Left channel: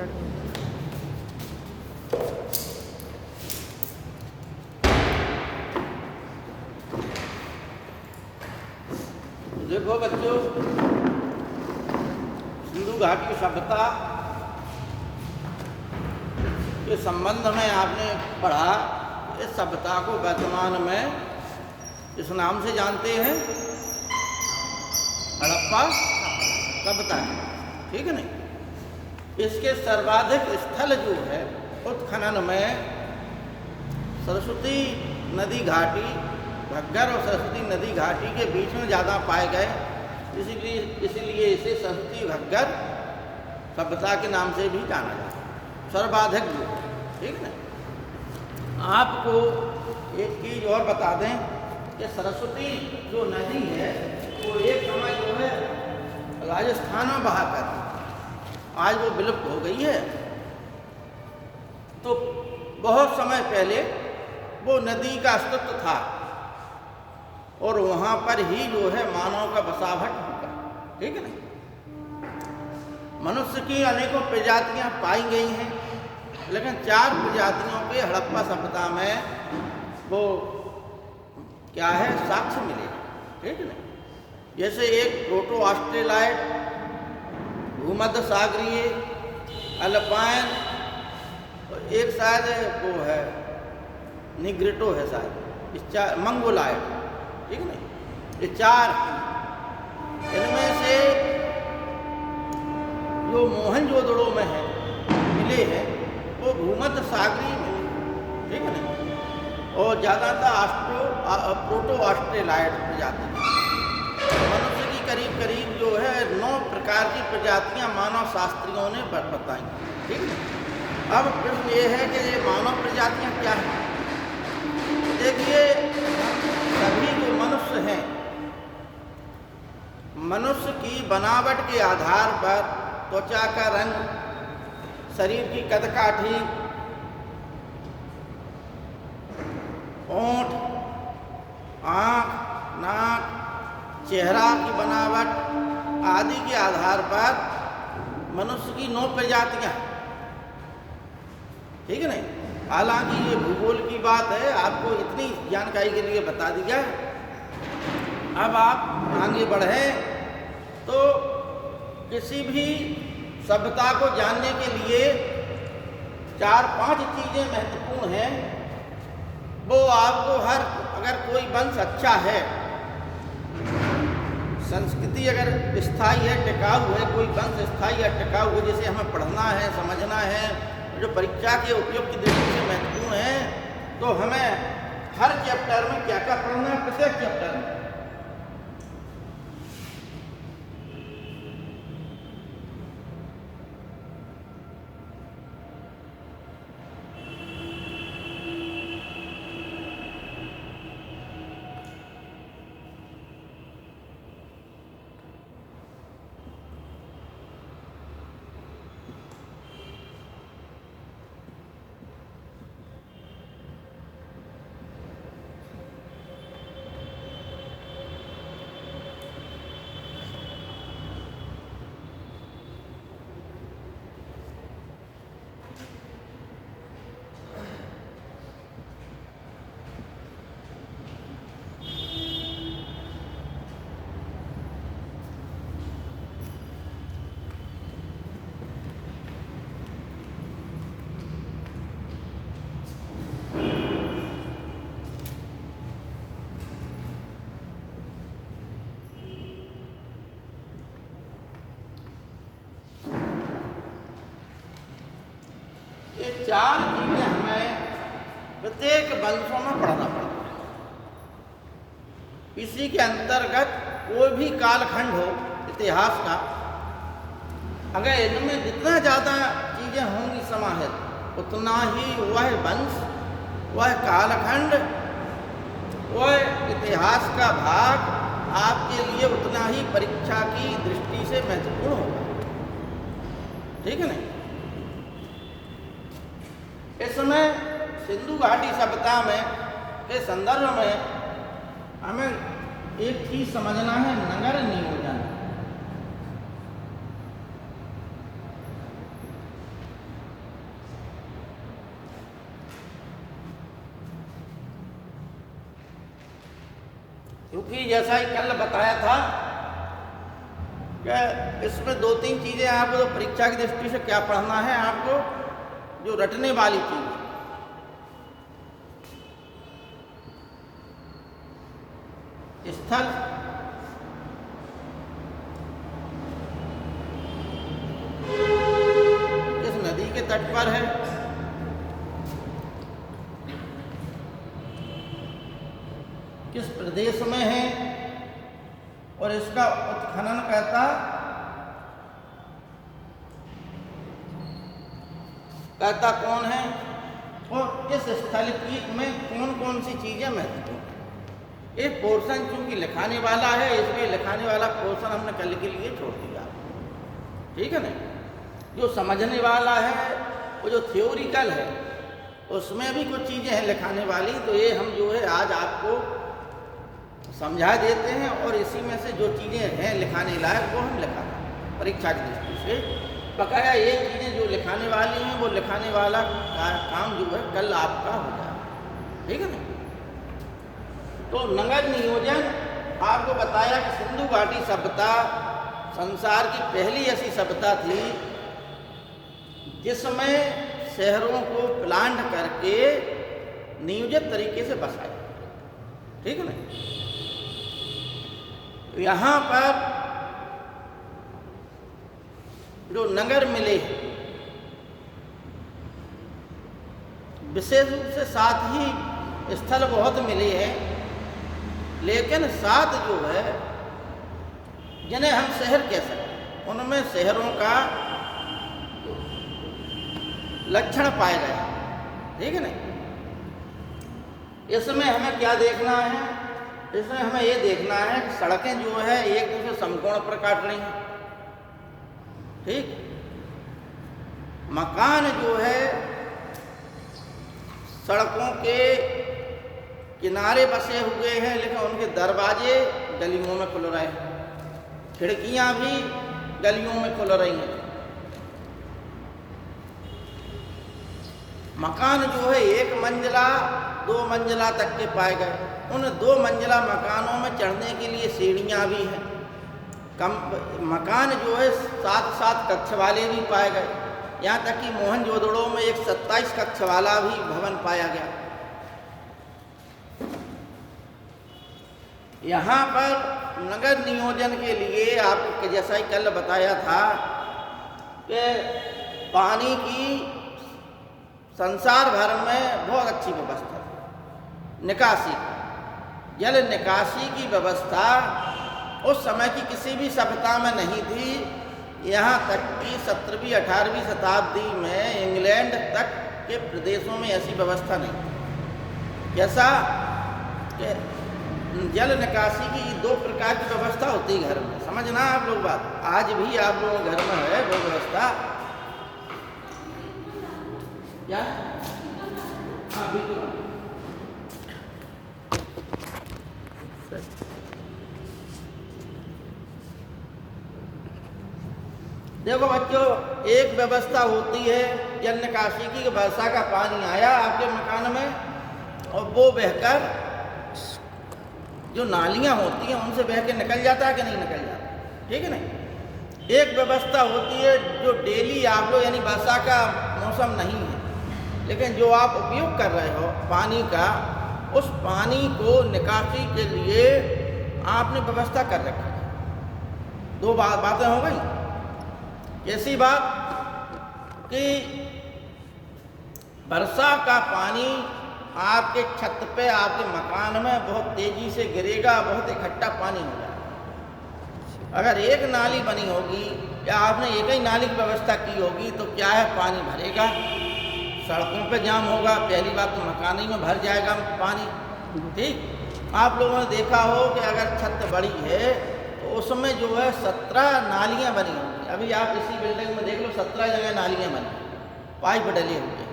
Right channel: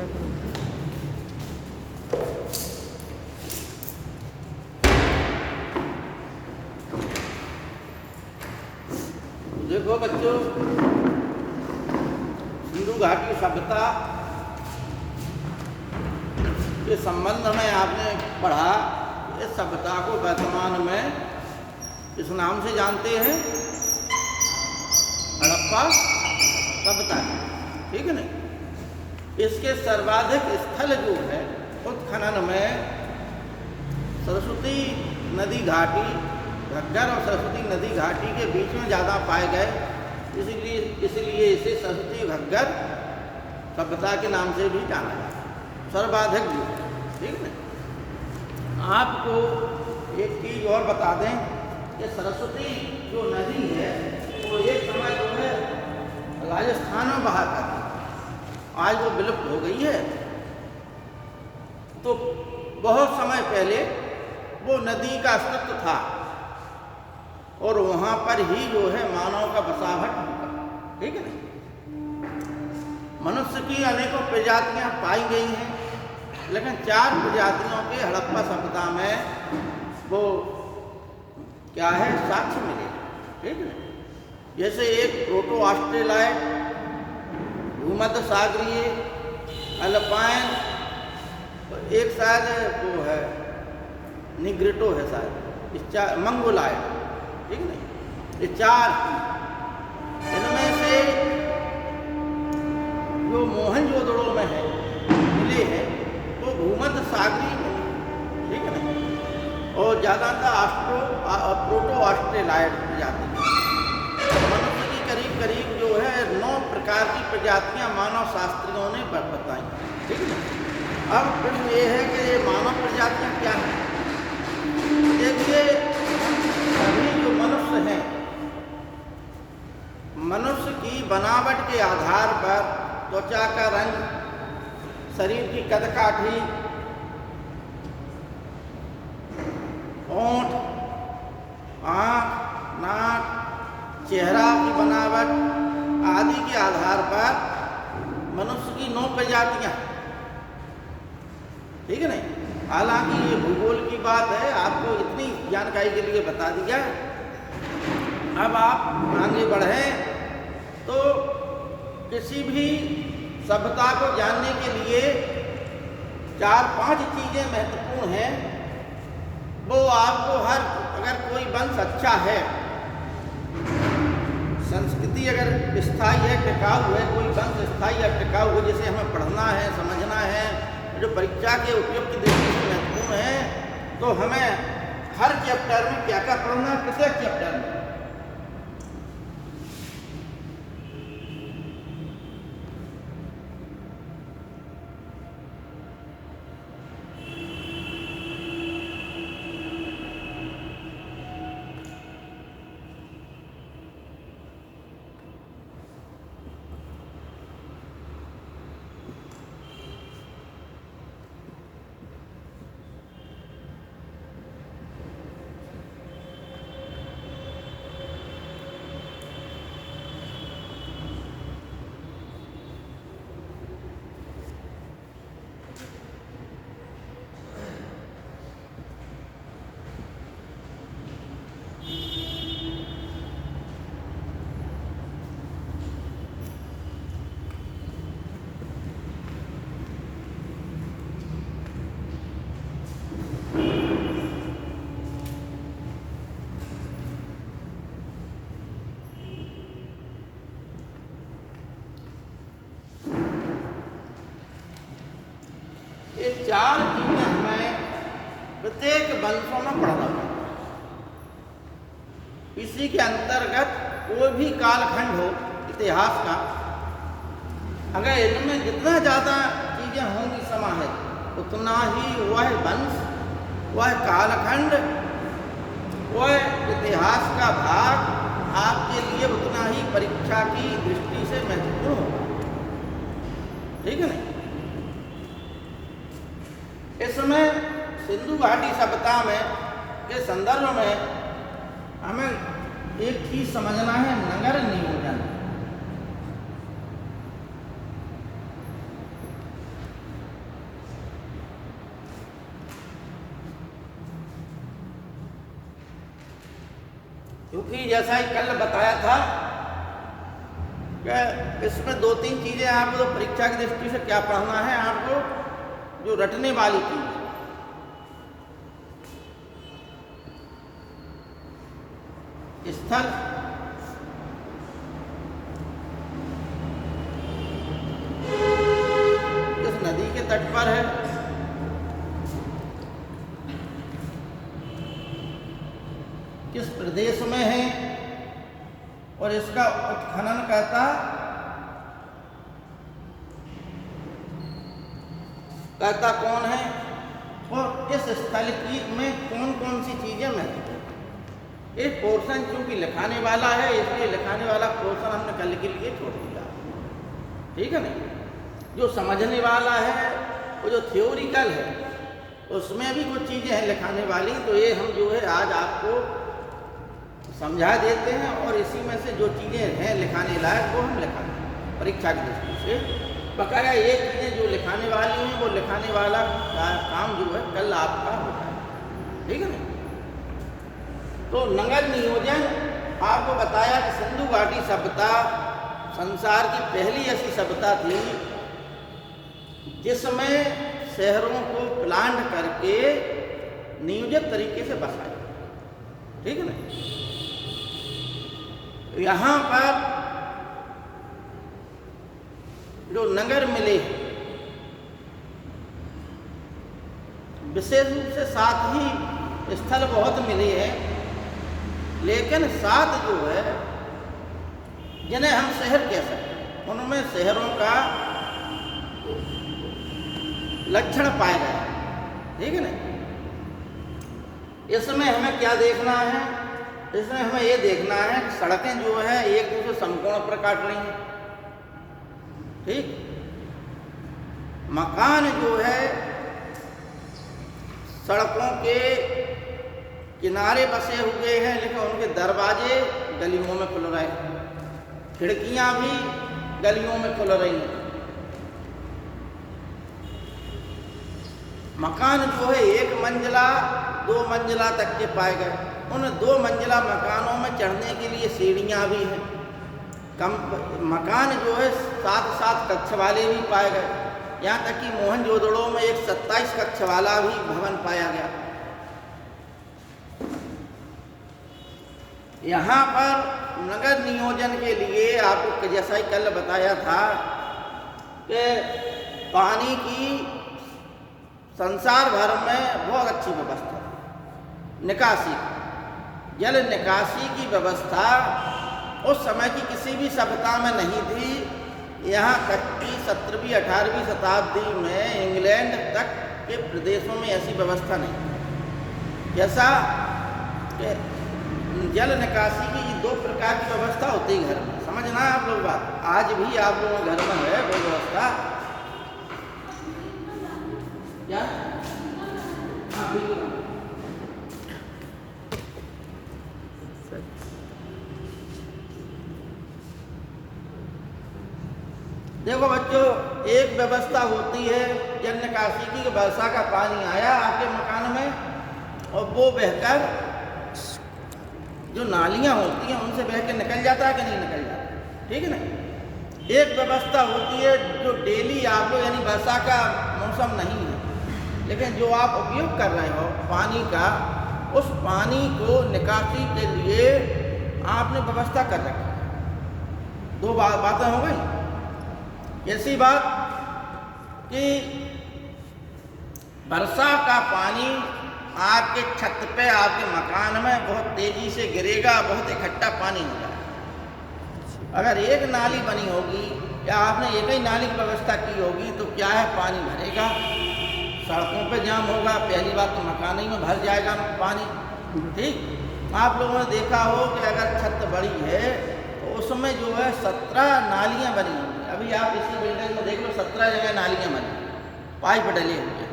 Start हो गया। देखो बच्चों, सिंधु घाटी सभ्यता के संबंध में आपने पढ़ा। इस सभ्यता को वर्तमान में इस नाम से जानते हैं, हड़प्पा सभ्यता। ठीक है ना। इसके सर्वाधिक स्थल जो है उत्खनन में सरस्वती नदी घाटी, घग्गर और सरस्वती नदी घाटी के बीच में ज़्यादा पाए गए। इसलिए इसे सरस्वती घग्गर सभ्यता के नाम से भी जाना है, सर्वाधिक जो है। ठीक है। आपको एक चीज़ और बता दें कि सरस्वती जो नदी है वो एक समय जो है राजस्थान में बहा करती, आज वो विलुप्त हो गई है। तो बहुत समय पहले वो नदी का अस्तित्व था और वहाँ पर ही जो है मानव का बसावट होगा। ठीक है ना। मनुष्य की अनेकों प्रजातियाँ पाई गई हैं, लेकिन 4 प्रजातियों के हड़प्पा सभ्यता में वो क्या है साक्ष्य मिले। ठीक है। जैसे एक प्रोटो ऑस्ट्रेलाइड, भूमध्य सागरीय, अल्पाइन, एक शायद वो है निग्रिटो है शायद, इस 4 मंगोलाइड। ठीक है। ये 4 इनमें से जो मोहनजोदड़ो में है मिले हैं वो भूमध्य सागरीय में। ठीक है ना। और ज़्यादातर प्रोटो ऑस्ट्रेलाइड प्रजाति मनुष्य की करीब जो है 9 प्रकार की प्रजातियां मानव शास्त्रियों ने बताई। ठीक है। अब प्रश्न ये है कि ये मानव प्रजातियां क्या हैं। देखिए, सभी जो मनुष्य हैं, मनुष्य की बनावट के आधार पर त्वचा का रंग, शरीर की कदकाठी, होंठ, आँख, नाक, चेहरा की बनावट आदि के आधार पर मनुष्य की 9 प्रजातियाँ। ठीक है ना। हालांकि ये भूगोल की बात है, आपको इतनी जानकारी के लिए बता दिया। अब आप आगे बढ़ें तो किसी भी सभ्यता को जानने के लिए 4-5 चीज़ें महत्वपूर्ण हैं। वो आपको अगर कोई वंश अच्छा है, संस्कृति अगर स्थायी है, टिकाऊ है, कोई वंश स्थायी या टिकाऊ है, जैसे हमें पढ़ना है, समझना है, जो परीक्षा के उपयोग की दृष्टि से महत्वपूर्ण है, तो हमें हर चैप्टर में क्या क्या पढ़ना है, प्रत्येक चैप्टर में। ये 4 चीजें हमें प्रत्येक वंशों में पढ़ना पड़ता है। इसी के अंतर्गत कोई भी कालखंड हो इतिहास का, अगर इनमें जितना ज़्यादा चीज़ें होंगी समाहित, उतना ही वह वंश, वह कालखंड, वह इतिहास का भाग आपके लिए उतना ही परीक्षा की दृष्टि से महत्वपूर्ण होगा। ठीक है ना। इसमें सिंधु घाटी सभ्यता में के संदर्भ में हमें एक चीज समझना है, नगर नियोजन। जैसा ही कल बताया था कि इसमें 2-3 चीज़ें आपको परीक्षा की दृष्टि से क्या पढ़ना है, आपको जो रटने वाली चीज़ स्थल, इस नदी के तट पर है, किस प्रदेश में है और इसका उत्खनन कहता कौन है और किस स्थल की में कौन कौन सी चीजें महत्वपूर्ण हैं। ये पोर्शन चूंकि लिखाने वाला है इसलिए लिखाने वाला पोर्शन हमने कल के लिए छोड़ दिया, ठीक है ना। जो समझने वाला है वो जो थ्योरिकल है उसमें भी कुछ चीज़ें हैं लिखाने वाली, तो ये हम जो है आज आपको समझा देते हैं और इसी में से जो चीज़ें हैं लिखाने लायक वो हम लिखाते हैं परीक्षा की दृष्टि से। बकाया ये चीज़ें जो लिखाने वाली हैं वो लिखाने वाला काम जो है कल आपका होता है, ठीक है ना। तो नगर नियोजन आपको बताया कि सिंधु घाटी सभ्यता संसार की पहली ऐसी सभ्यता थी जिसमें शहरों को प्लांट करके नियोजित तरीके से बसाया, ठीक है ना। यहाँ पर जो नगर मिले विशेष रूप से साथ ही स्थल बहुत मिले हैं, लेकिन साथ जो है जिन्हें हम शहर कह सकते हैं उनमें शहरों का लक्षण पाए गए, ठीक है ना। इसमें हमें क्या देखना है, इसमें हमें ये देखना है कि सड़कें जो है एक दूसरे समकोण पर काट रही हैं, ठीक। मकान जो है सड़कों के किनारे बसे हुए हैं लेकिन उनके दरवाजे गलियों में खुल रहे हैं, खिड़कियां भी गलियों में खुल रही हैं। मकान जो है 1 मंजिला 2 मंजिला तक के पाए गए, उन 2 मंजिला मकानों में चढ़ने के लिए सीढ़ियां भी हैं। मकान जो है 7-7 कक्ष वाले भी पाए गए, यहाँ तक कि मोहनजोदड़ो में एक 27 कक्ष वाला भी भवन पाया गया। यहाँ पर नगर नियोजन के लिए आपको जैसा ही कल बताया था कि पानी की संसार भर में बहुत अच्छी व्यवस्था है। निकासी, जल निकासी की व्यवस्था उस समय की किसी भी सभ्यता में नहीं थी। यहाँ तक कि 17वीं 18वीं शताब्दी में इंग्लैंड तक के प्रदेशों में ऐसी व्यवस्था नहीं थी। जैसा कि जल निकासी की 2 प्रकार की व्यवस्था होती है घर में, समझना आप लोग बात, आज भी आप लोगों के घर में है वो व्यवस्था क्या। हाँ बिल्कुल, देखो बच्चों, एक व्यवस्था होती है जल निकासी की कि वर्षा का पानी आया आपके मकान में और वो बहकर जो नालियां होती हैं उनसे बह के निकल जाता है कि नहीं निकल जाता, ठीक है ना। एक व्यवस्था होती है जो डेली आप लोग, यानी वर्षा का मौसम नहीं है लेकिन जो आप उपयोग कर रहे हो पानी का, उस पानी को निकासी के लिए आपने व्यवस्था कर रखी। 2 बातें हो गई। ऐसी बात कि वर्षा का पानी आपके छत पे आपके मकान में बहुत तेजी से गिरेगा, बहुत इकट्ठा पानी होगा। अगर एक नाली बनी होगी या आपने एक ही नाली की व्यवस्था की होगी तो क्या है, पानी भरेगा, सड़कों पे जाम होगा, पहली बात तो मकान ही में भर जाएगा पानी, ठीक। आप लोगों ने देखा हो कि अगर छत बड़ी है तो उसमें जो है 17 नालियाँ बनी होंगी। अभी आप इसी बिल्डिंग में देख लो 17 जगह नालियाँ बनी, पाइप डले हुए।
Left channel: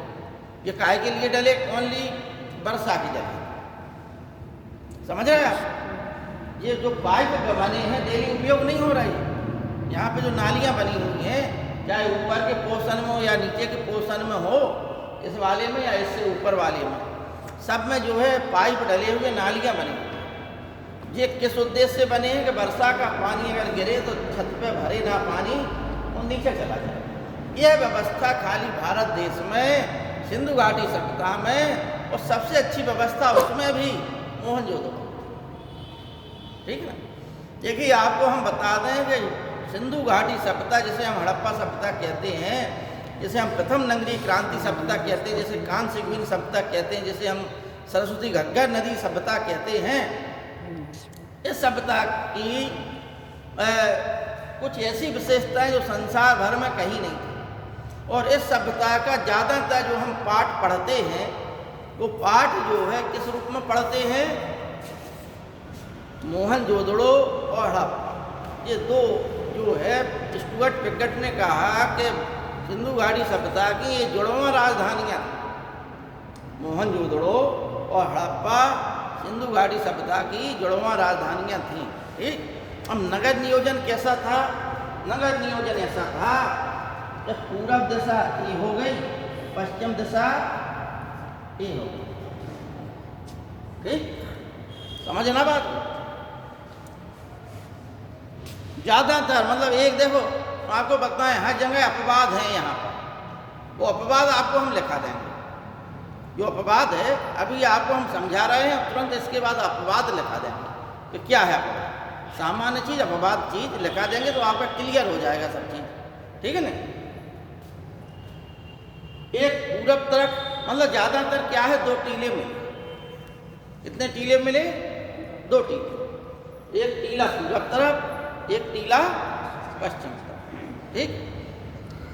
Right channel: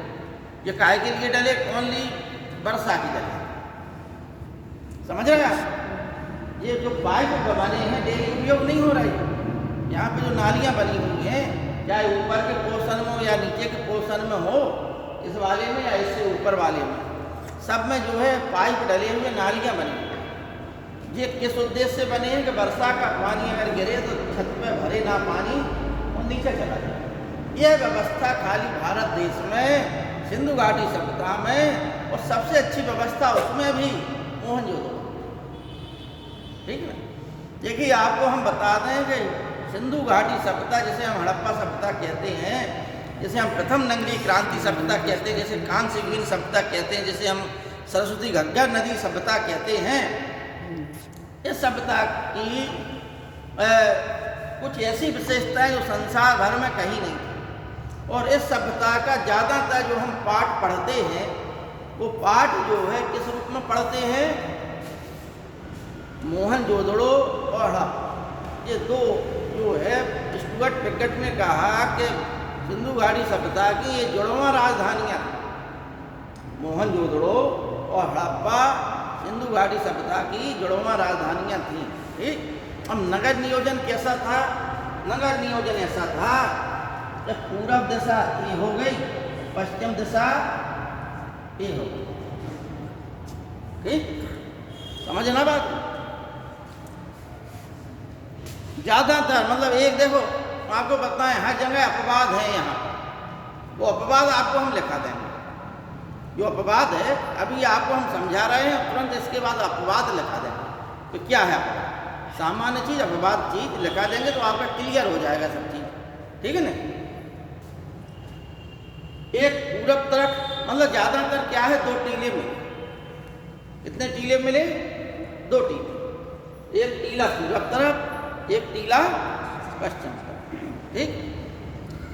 ये काहे के लिए डले, ओनली वर्षा की डले, समझ रहे आप। ये जो पाइप बने हैं डेली उपयोग नहीं हो रहा है। यहाँ पे जो नालियाँ बनी हुई हैं, चाहे ऊपर के पोर्शन में हो या नीचे के पोर्शन में हो, इस वाले में या इससे ऊपर वाले में, सब में जो है पाइप डले हुए नालियाँ बनी हुई। ये किस उद्देश्य से बने हैं कि वर्षा का पानी अगर गिरे तो छत पे भरे ना पानी और नीचे चला जाए। यह व्यवस्था खाली भारत देश में सिंधु घाटी सभ्यता में, और सबसे अच्छी व्यवस्था उसमें भी मोहनजोदड़ो। ठीक है, देखिए आपको हम बता दें कि सिंधु घाटी सभ्यता, जिसे हम हड़प्पा सभ्यता कहते हैं, जिसे हम प्रथम नगरीय क्रांति सभ्यता कहते हैं, जैसे कांस्य युगीन सभ्यता कहते हैं, जिसे हम सरस्वती घग्गर नदी सभ्यता कहते हैं, इस सभ्यता की कुछ ऐसी विशेषताएं जो संसार भर में कहीं नहीं थी। और इस सभ्यता का ज़्यादातर जो हम पाठ पढ़ते हैं, वो पाठ जो है किस रूप में पढ़ते हैं? मोहनजोदड़ो और हड़प्पा, ये दो जो है स्टुअर्ट पिगट ने कहा कि सिंधु घाटी सभ्यता की ये जुड़वां राजधानियाँ, मोहनजोदड़ो और हड़प्पा सिंधु घाटी सभ्यता की जुड़वां राजधानियाँ थीं। ठीक, अब नगर नियोजन कैसा था? नगर नियोजन ऐसा था कि पूरब दिशा ये हो गई, पश्चिम दिशा ये हो गई। ठीक, समझना बात? ज़्यादातर मतलब एक देखो आपको बताएं, हर जगह अपवाद है यहाँ पर, वो अपवाद आपको हम लिखा देंगे। जो अपवाद है अभी आपको हम समझा रहे हैं, तुरंत इसके बाद अपवाद लिखा देंगे कि क्या है अपवाद। सामान्य चीज़ अपवाद चीज़ लिखा देंगे तो आपका क्लियर हो जाएगा सब चीज़। ठीक है ना? एक पूरब तरफ मतलब ज़्यादातर क्या है, दो टीले मिले। कितने टीले मिले? दो टीले, एक टीला पूरब तरफ, एक टीला पश्चिम तरफ। ठीक,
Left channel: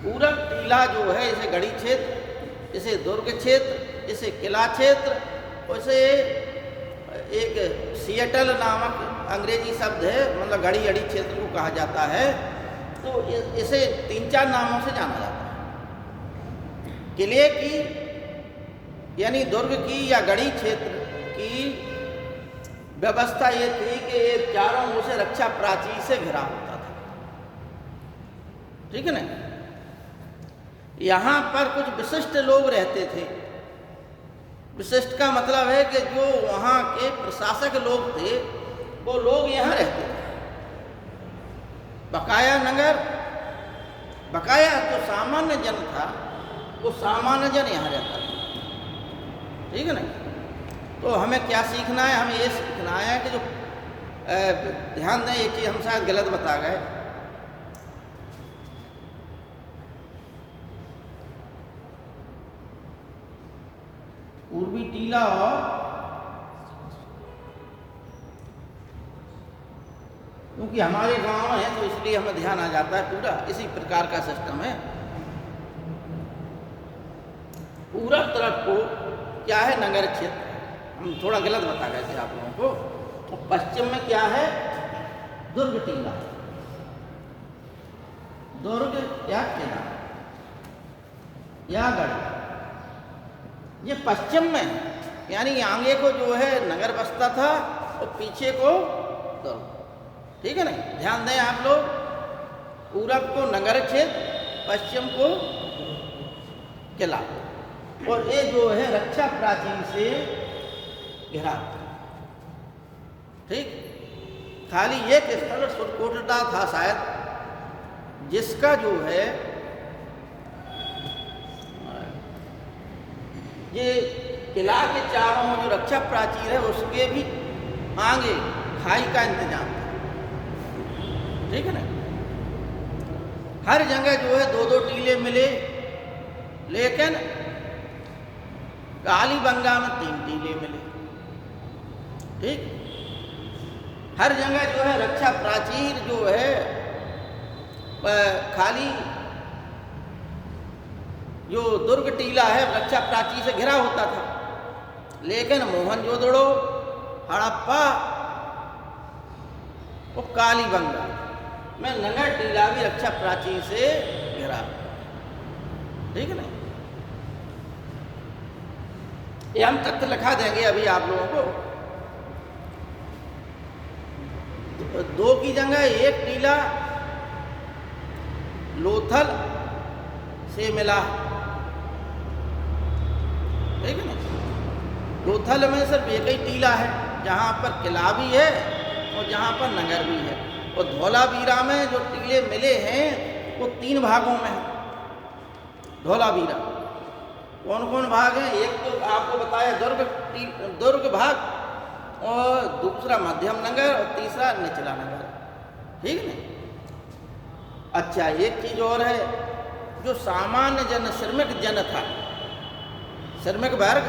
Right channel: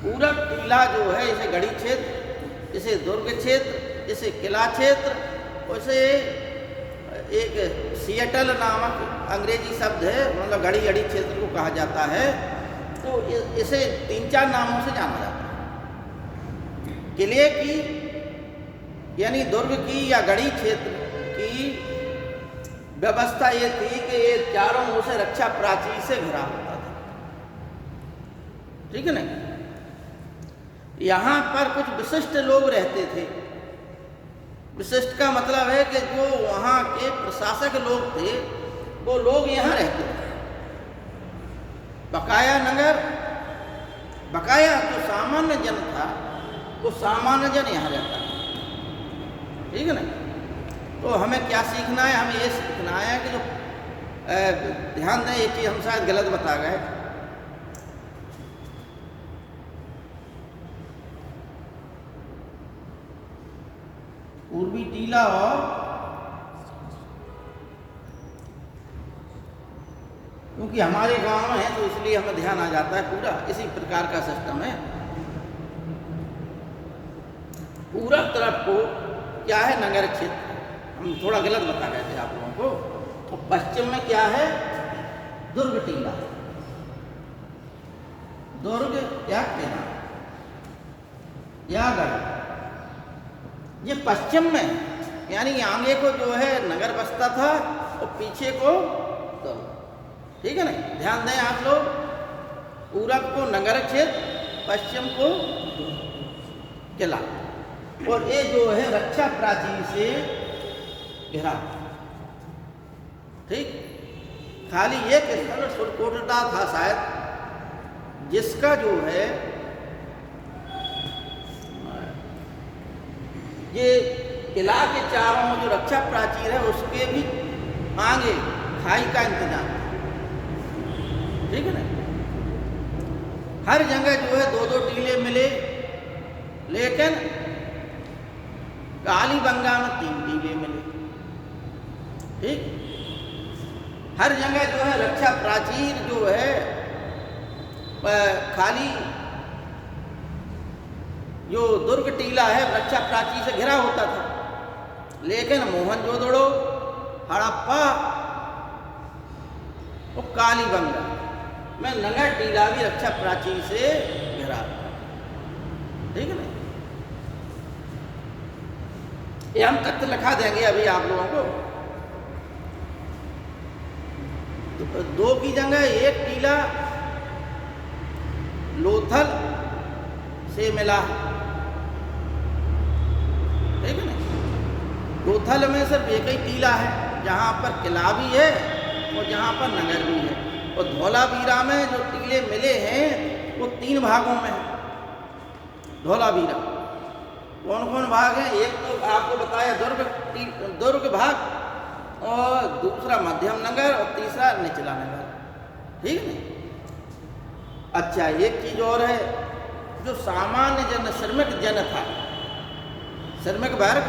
पूरब टीला जो है इसे गढ़ी क्षेत्र, इसे दुर्ग क्षेत्र, इसे किला क्षेत्र, वैसे एक सिएटल नामक अंग्रेजी शब्द है, मतलब घड़ी घड़ी क्षेत्र को कहा जाता है। तो इसे 3-4 नामों से जाना जाता है। किले की यानी दुर्ग की या गढ़ी क्षेत्र की व्यवस्था ये थी कि ये चारों ओर से रक्षा प्राचीर से घिरा होता था। ठीक है ना? यहाँ पर कुछ विशिष्ट लोग रहते थे। विशिष्ट का मतलब है कि जो वहाँ के प्रशासक लोग थे, वो लोग यहाँ रहते थे। बकाया नगर, बकाया जो सामान्य जन था, वो सामान्य जन यहाँ रहता था। ठीक है ना? तो हमें क्या सीखना है? हमें ये सीखना है कि जो ध्यान दें, एक चीज़ हम शायद गलत बता गए। पूर्वी टीला और क्योंकि हमारे गांव में है तो इसलिए हमें ध्यान आ जाता है, पूरा इसी प्रकार का सिस्टम है। पूरब तरफ को क्या है? नगर क्षेत्र। हम थोड़ा गलत बता गए थे आप लोगों को। तो पश्चिम में क्या है? दुर्ग टीला, दुर्ग या किला या गढ़, ये पश्चिम में, यानी आगे को जो है नगर बसता था और पीछे को दुर्ग। ठीक है ना? ध्यान दें आप लोग, पूरब को नगर क्षेत्र, पश्चिम को किला, और ये जो है रक्षा प्राचीर से घिरा। ठीक, खाली ये स्थल सुरकोटदा था शायद, जिसका जो है ये किला के चारों जो रक्षा प्राचीर है उसके भी आगे खाई का इंतजाम। ठीक है ना? हर जगह जो है 2-2 टीले मिले, लेकिन कालीबंगा में 3 टीले मिले। ठीक, हर जगह जो है रक्षा प्राचीर जो है खाली जो दुर्ग टीला है रक्षा प्राचीर से घिरा होता था, लेकिन मोहनजोदड़ो, हड़प्पा और कालीबंगा में नगर टीला भी रक्षा प्राचीर से घिरा। ठीक है ना? ये हम तथ्य लिखा देंगे अभी आप लोगों को। तो 2 की जगह एक टीला लोथल से मिला। ठीक है ना? लोथल में सिर्फ एक ही टीला है, जहाँ पर किला भी है और जहाँ पर नगर भी है। और धौलावीरा में जो टीले मिले हैं वो 3 भागों में है धौलावीरा। कौन कौन भाग हैं? एक तो आपको बताया दुर्ग भाग, और दूसरा मध्यम नगर, और तीसरा निचला नगर। ठीक है। अच्छा, एक चीज और है, जो सामान्य जन, श्रमिक जन था, श्रमिक वर्ग,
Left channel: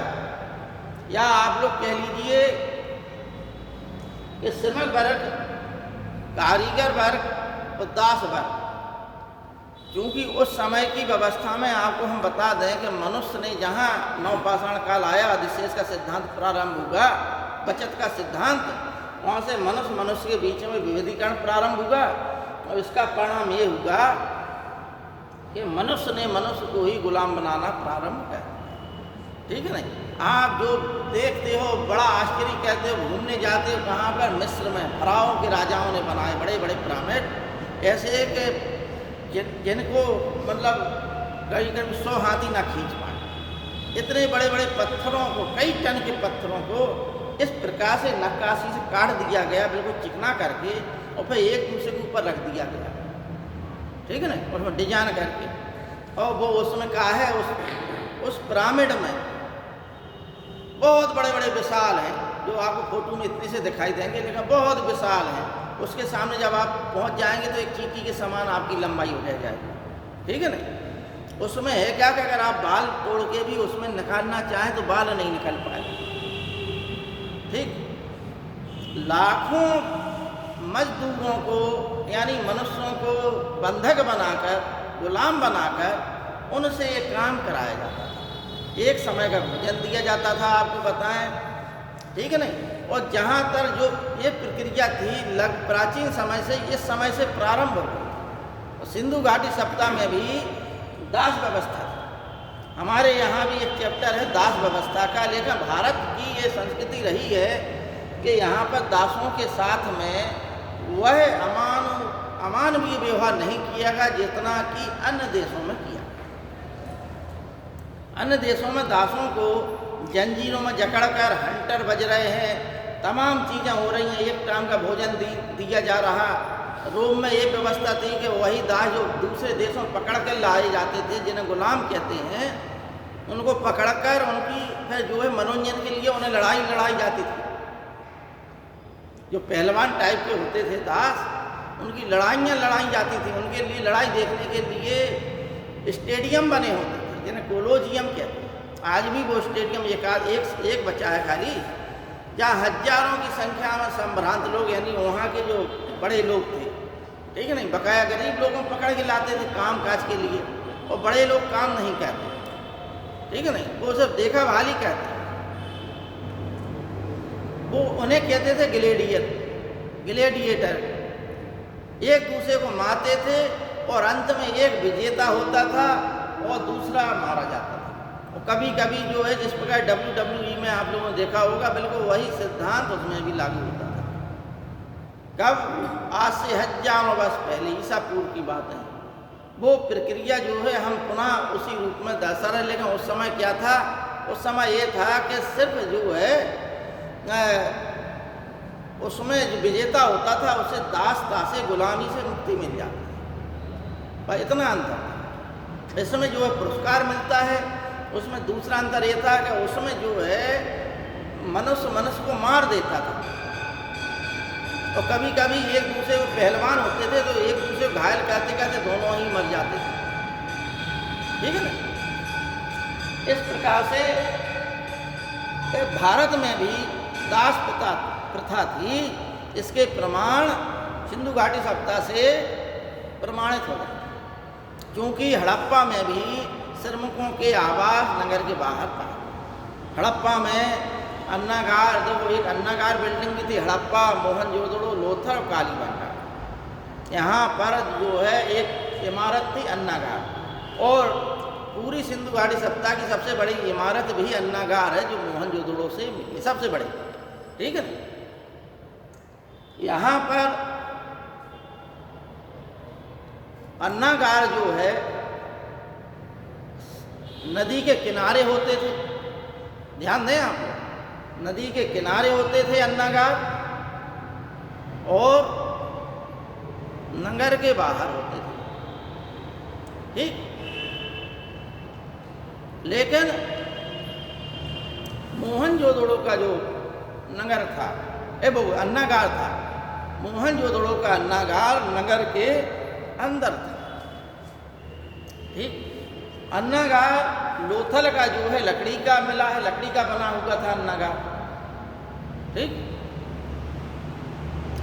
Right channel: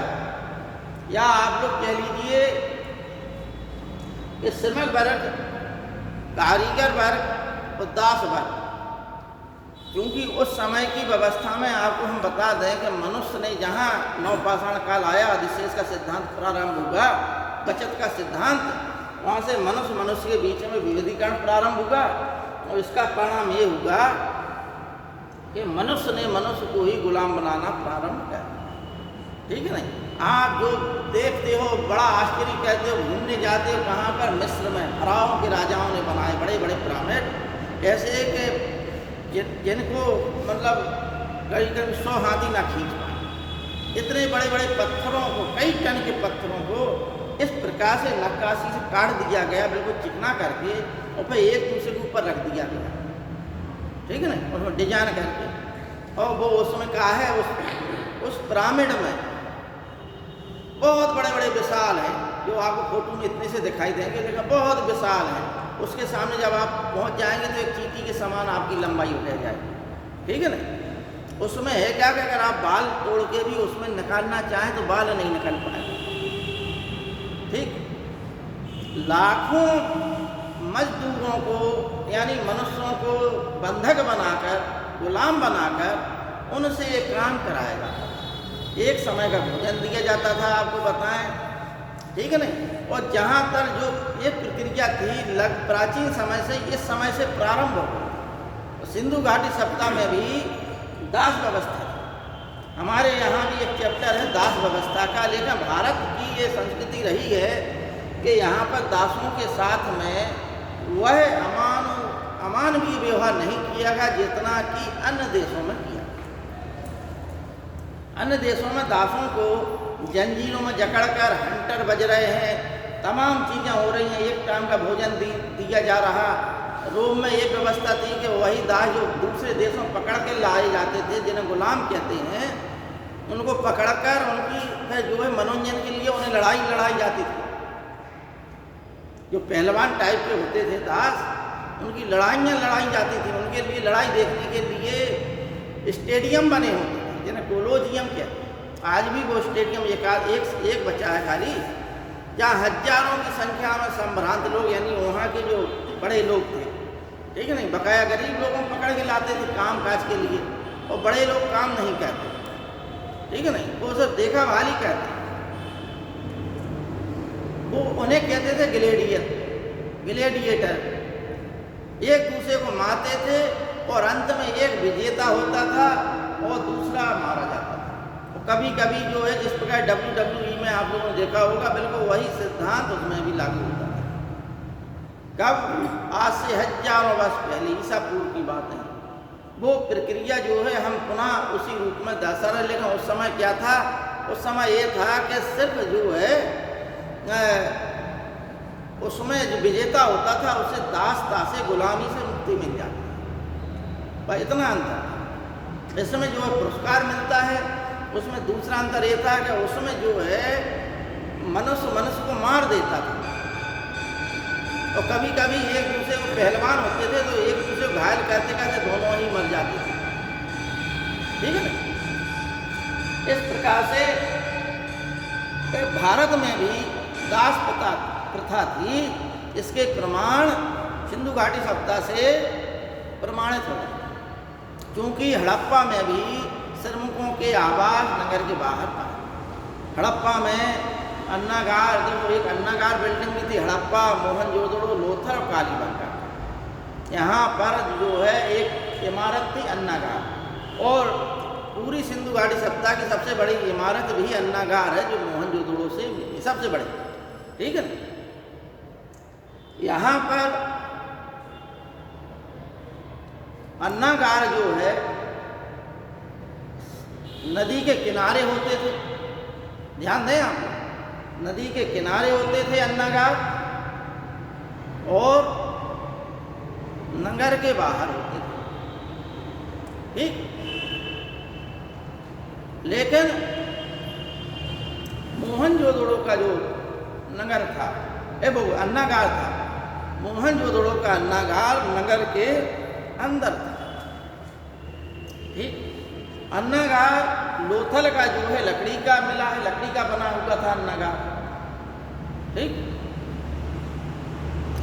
या आप लोग कह लीजिए कि श्रमिक वर्ग, कारीगर वर्ग और दास वर्ग। क्योंकि उस समय की व्यवस्था में आपको हम बता दें कि मनुष्य ने जहाँ नवपाषाण काल आया, अधिशेष का सिद्धांत प्रारंभ हुआ, बचत का सिद्धांत, वहाँ से मनुष्य के बीच में विविधीकरण प्रारंभ हुआ। और इसका परिणाम ये हुआ कि मनुष्य ने मनुष्य को ही गुलाम बनाना प्रारंभ किया। ठीक है ना? आप जो देखते हो, बड़ा आश्चर्य कहते हो, घूमने जाते हो कहाँ पर? मिस्र में फराओं के राजाओं ने बनाए बड़े बड़े पिरामिड, ऐसे कि जिनको मतलब करीब 100 हाथी ना खींच पाए। इतने बड़े बड़े पत्थरों को, कई टन के पत्थरों को इस प्रकार से नक्काशी से काट दिया गया, बिल्कुल चिकना करके, और फिर एक दूसरे के ऊपर रख दिया गया। ठीक है ना? उसमें डिजाइन करके, और वो उसमें कहा है, उस पिरामिड में बहुत बड़े बड़े विशाल हैं, जो आपको फोटो में इतने से दिखाई देंगे, लेकिन बहुत विशाल हैं। उसके सामने जब आप पहुंच जाएंगे तो एक चींटी के समान आपकी लंबाई हो जाएगी। ठीक है ना? उसमें है क्या कि अगर आप बाल तोड़ के भी उसमें निकालना चाहें तो बाल नहीं निकल पाएंगे। ठीक, लाखों मजदूरों को, यानी मनुष्यों को बंधक बनाकर, गुलाम बनाकर उनसे ये काम कराया जाता था। एक समय का भोजन दिया जाता था, आपको बताएं। ठीक है ना? और जहाँ तक जो ये प्रक्रिया थी, प्राचीन समय से, इस समय से प्रारंभ हो गई। सिंधु घाटी सप्ताह में भी दास व्यवस्था थी। हमारे यहाँ भी एक चैप्टर है दास व्यवस्था का, लेकिन भारत की ये संस्कृति रही है कि यहाँ पर दासों के साथ में वह अमानवीय व्यवहार नहीं किया गया जितना कि अन्य देशों में किया। अन्य देशों में दासों को जंजीरों में जकड़कर हंटर बज रहे हैं, तमाम चीज़ें हो रही हैं, एक टाइम का भोजन दिया जा रहा। रोम में ये व्यवस्था थी कि वही दास जो दूसरे देशों में पकड़ कर लाए जाते थे, जिन्हें गुलाम कहते हैं, उनको पकड़कर उनकी फिर जो है मनोरंजन के लिए उन्हें लड़ाई जाती थी। जो पहलवान टाइप के होते थे दास, उनकी लड़ाई जाती थी। उनके लिए लड़ाई देखने के लिए स्टेडियम बने होते थे, जिन्हें कोलोजियम कहते हैं। आज भी वो स्टेडियम एक बचा है खाली, जहाँ हजारों की संख्या में संभ्रांत लोग, यानी वहाँ के जो बड़े लोग थे, ठीक है नहीं, बकाया गरीब लोगों को पकड़ के लाते थे काम काज के लिए, और बड़े लोग काम नहीं करते। ठीक है ना? वो सब देखा भाली करते, वो उन्हें कहते थे ग्लेडिएटर। एक दूसरे को मारते थे, और अंत में एक विजेता होता था और दूसरा मारा जाता था। और कभी कभी जो है, जिस प्रकार WWE में आप लोगों ने देखा होगा, बिल्कुल वही सिद्धांत उसमें भी लागू होता था। कब? आज से हजारों वर्ष पहले, ईसा पूर्व की बात है। वो प्रक्रिया जो है हम पुनः उसी रूप में दर्शा रहे। लेकिन उस समय क्या था? उस समय ये था कि सिर्फ जो है उसमें जो विजेता होता था उसे दास गुलामी से मुक्ति मिल जाती है, पर इतना अंतर। इसमें जो पुरस्कार मिलता है, उसमें दूसरा अंतर ये था कि उसमें जो है मनुष्य को मार देता था, और कभी कभी एक दूसरे को पहलवान होते थे तो एक दूसरे को घायल करते करते दोनों ही मर जाते थे। ठीक है ना? इस प्रकार से भारत में भी दास प्रथा थी। इसके प्रमाण सिंधु घाटी सप्ताह से प्रमाणित हो गए, क्योंकि हड़प्पा में भी श्रमिकों के आवास नगर के बाहर था। हड़प्पा में अन्नागार, देखो एक अन्नागार बिल्डिंग भी थी, हड़प्पा, मोहनजोदड़ो, लोथर और कालीबंगा। यहाँ पर जो है एक इमारत थी अन्नागार, और पूरी सिंधु घाटी सप्ताह की सबसे बड़ी इमारत भी अन्नागार है, जो मोहनजोदड़ो से मिली, सबसे बड़ी। ठीक है ना? यहाँ पर अन्नागार जो है नदी के किनारे होते थे। ध्यान दें आप, नदी के किनारे होते थे अन्नागार, और नगर के बाहर होते थे, ठीक। लेकिन मोहनजोदड़ो का जो नगर था, वो अन्नागार था, मोहनजोदड़ो का अन्नागार नगर के अंदर था, ठीक। अन्नागार लोथल का जो है लकड़ी का मिला है, लकड़ी का बना हुआ था अन्नागार, ठीक।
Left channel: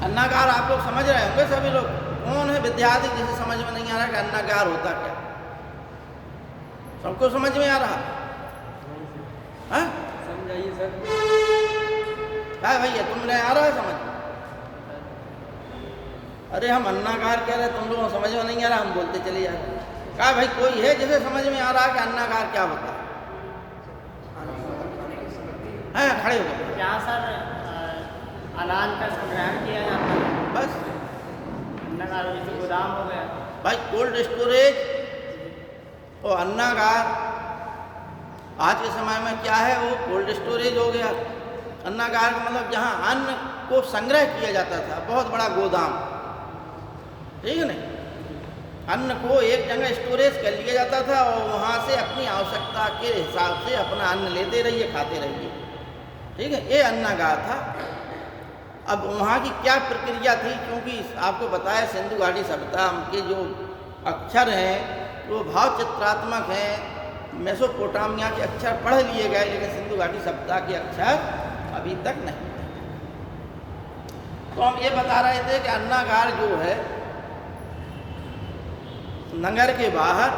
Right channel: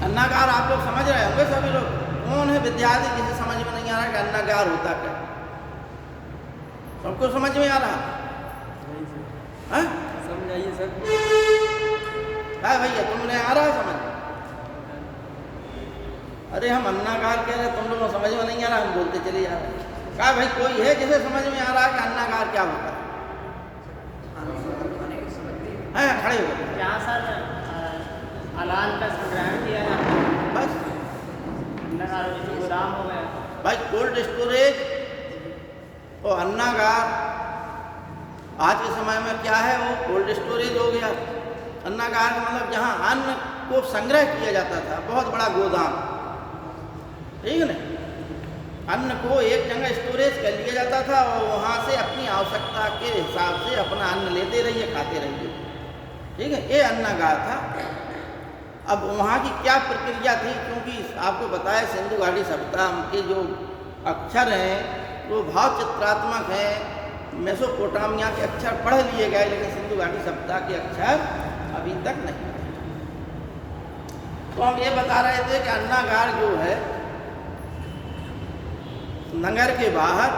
अन्नागार आप लोग समझ रहे होंगे सभी लोग। कौन है विद्यार्थी जिसे समझ में नहीं आ रहा कि अन्नागार होता क्या? सबको समझ में आ रहा? समझाइए सर। क्या भैया तुमने आ रहा समझ? अरे हम अन्नागार कह रहे, तुम लोगों को समझ में नहीं आ रहा, हम बोलते चले जा रहे। क्या भाई कोई है जिसे समझ में आ रहा है कि अन्नागार क्या होता है? खड़े हो गए। यहाँ सर अलान का संग्रहण किया जाता है, बस अन्नागार जैसे गोदाम हो गया भाई, कोल्ड स्टोरेज और अन्नागार आज के समय में क्या है, वो कोल्ड स्टोरेज हो गया। अन्नागार का मतलब जहाँ अन्न को संग्रह किया जाता था, बहुत बड़ा गोदाम, ठीक है ना। अन्न को एक जगह स्टोरेज कर लिया जाता था और वहाँ से अपनी आवश्यकता के हिसाब से अपना अन्न लेते रहिए, खाते रहिए, ठीक है। ये अन्नागार था। अब वहाँ की क्या प्रक्रिया थी, क्योंकि आपको बताया सिंधु घाटी सभ्यता के जो अक्षर हैं वो भाव चित्रात्मक हैं। मेसोपोटामिया के अक्षर पढ़ लिए गए, लेकिन सिंधु घाटी सभ्यता के अक्षर अभी तक नहीं। तो हम ये बता रहे थे कि अन्नागार जो है नगर के बाहर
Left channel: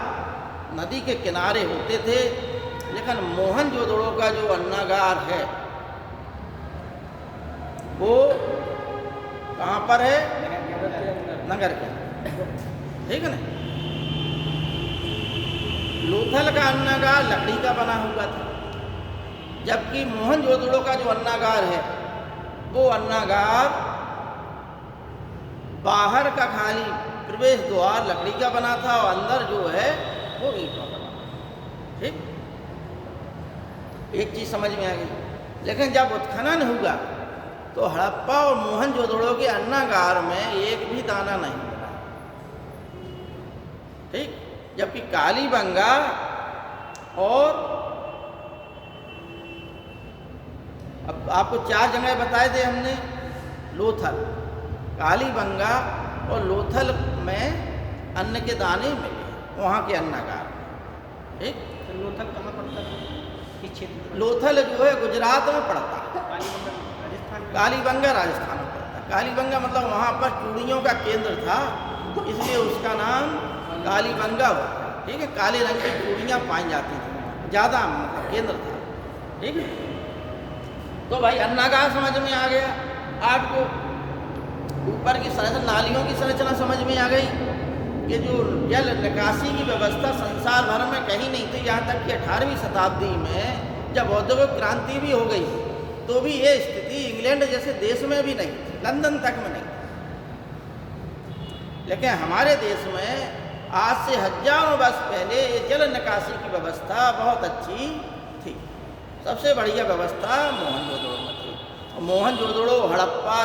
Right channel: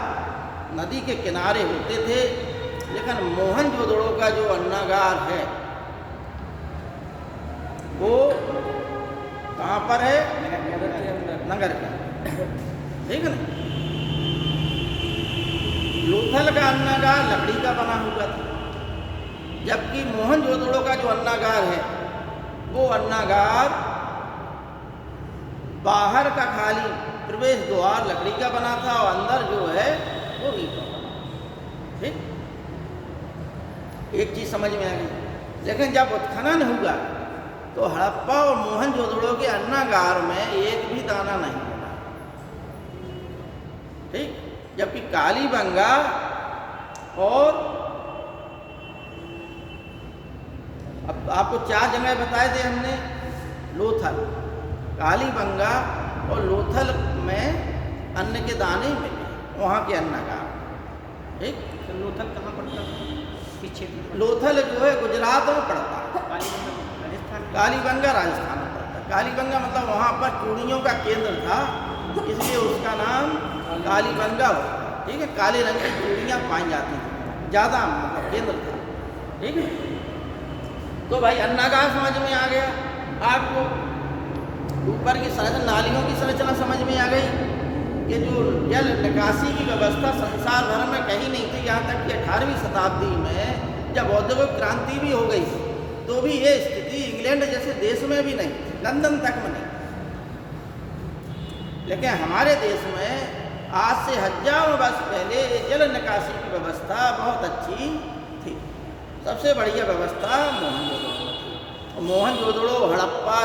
नदी के किनारे होते थे, लेकिन मोहनजोदड़ो का जो अन्नागार है वो कहाँ पर है? नगर के अंदर, ठीक है ना। लोथल का अन्नागार लकड़ी का बना हुआ था, जबकि मोहनजोदड़ो का जो अन्नागार है वो अन्नागार बाहर का खाली प्रवेश द्वार लकड़ी का बना था और अंदर जो है वो ईंट का बना, ठीक। एक चीज समझ में आ गई। लेकिन जब उत्खनन हुआ तो हड़प्पा और मोहनजोदड़ो के अन्नागार में एक भी दाना नहीं मिला, ठीक। जबकि कालीबंगा और अब आपको 4 जगह बताए थे हमने, लोथल, कालीबंगा और लोथल में अन्न के दाने मिले, वहाँ के अन्नागार, ठीक। तो लोथल कहाँ पड़ता था, किस क्षेत्र में? लोथल जो है गुजरात में पड़ता है, कालीबंगा राजस्थान, कालीबंगा राजस्थान में पड़ता है। कालीबंगा मतलब वहाँ पर चूड़ियों का केंद्र था, इसलिए उसका नाम कालीबंगा हुआ, ठीक है। काले रंग की चूड़ियाँ पाई जाती थी, ज़्यादा केंद्र था, ठीक है। तो भाई अन्नागार समझ में आ गया आपको। ऊपर की संरचना, नालियों की संरचना समझ में आ गई कि जो जल निकासी की व्यवस्था संसार भर में कहीं नहीं थी। यहाँ तक कि 18वीं शताब्दी में जब औद्योगिक क्रांति भी हो गई तो भी ये स्थिति इंग्लैंड जैसे देश में भी नहीं थी, लंदन तक में नहीं। लेकिन हमारे देश में आज से हजारों वर्ष पहले ये जल निकासी की व्यवस्था बहुत अच्छी थी। सबसे बढ़िया व्यवस्था मोहनजोदड़ो में थी। और मोहनजोदड़ो, हड़प्पा,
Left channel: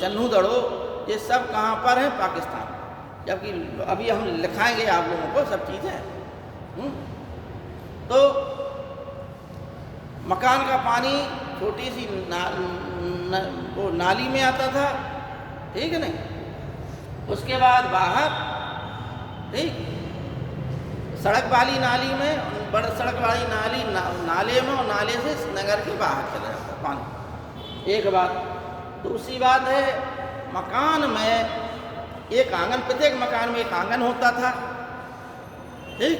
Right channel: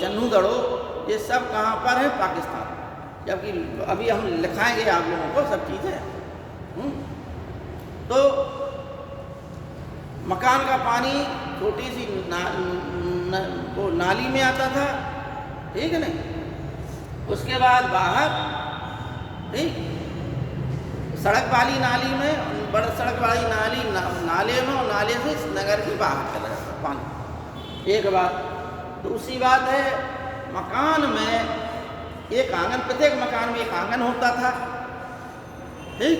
चन्नूदड़ो ये सब कहाँ पर है? पाकिस्तान। जबकि अभी हम लिखाएंगे आप लोगों को सब चीज़ें। तो मकान का पानी छोटी सी वो नाली में आता था, ठीक है ना। उसके बाद बाहर, ठीक, सड़क वाली नाली में, बड़ा सड़क वाली नाली नाले में, और नाले से नगर के बाहर चला जाता पानी। एक बात। दूसरी बात है मकान में एक आंगन, प्रत्येक मकान में एक आंगन होता था, ठीक।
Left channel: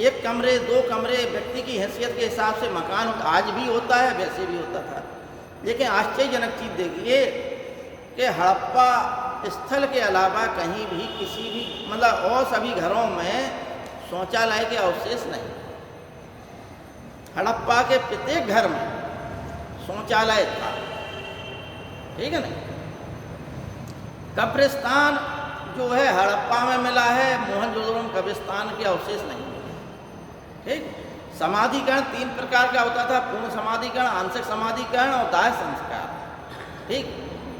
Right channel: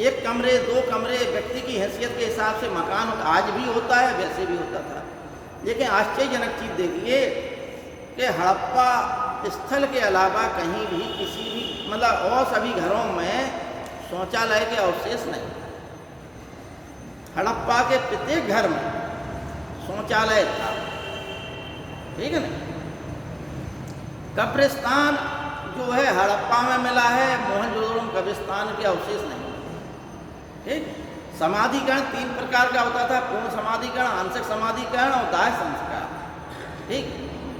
एक कमरे, 2 कमरे व्यक्ति की हैसियत के हिसाब से मकान आज भी होता है, वैसे भी होता था। लेकिन आश्चर्यजनक चीज़ देखिए कि हड़प्पा स्थल के अलावा कहीं भी किसी भी मतलब और सभी घरों में शौचालय के अवशेष नहीं। हड़प्पा के प्रत्येक घर में शौचालय था, ठीक है ना। कब्रिस्तान जो है हड़प्पा में मिला है, मोहनजोदड़ो में कब्रिस्तान के अवशेष नहीं मिले, ठीक। समाधिकरण 3 प्रकार का होता था, पूर्ण समाधिकरण, आंशिक समाधिकरण और दाह संस्कार, ठीक।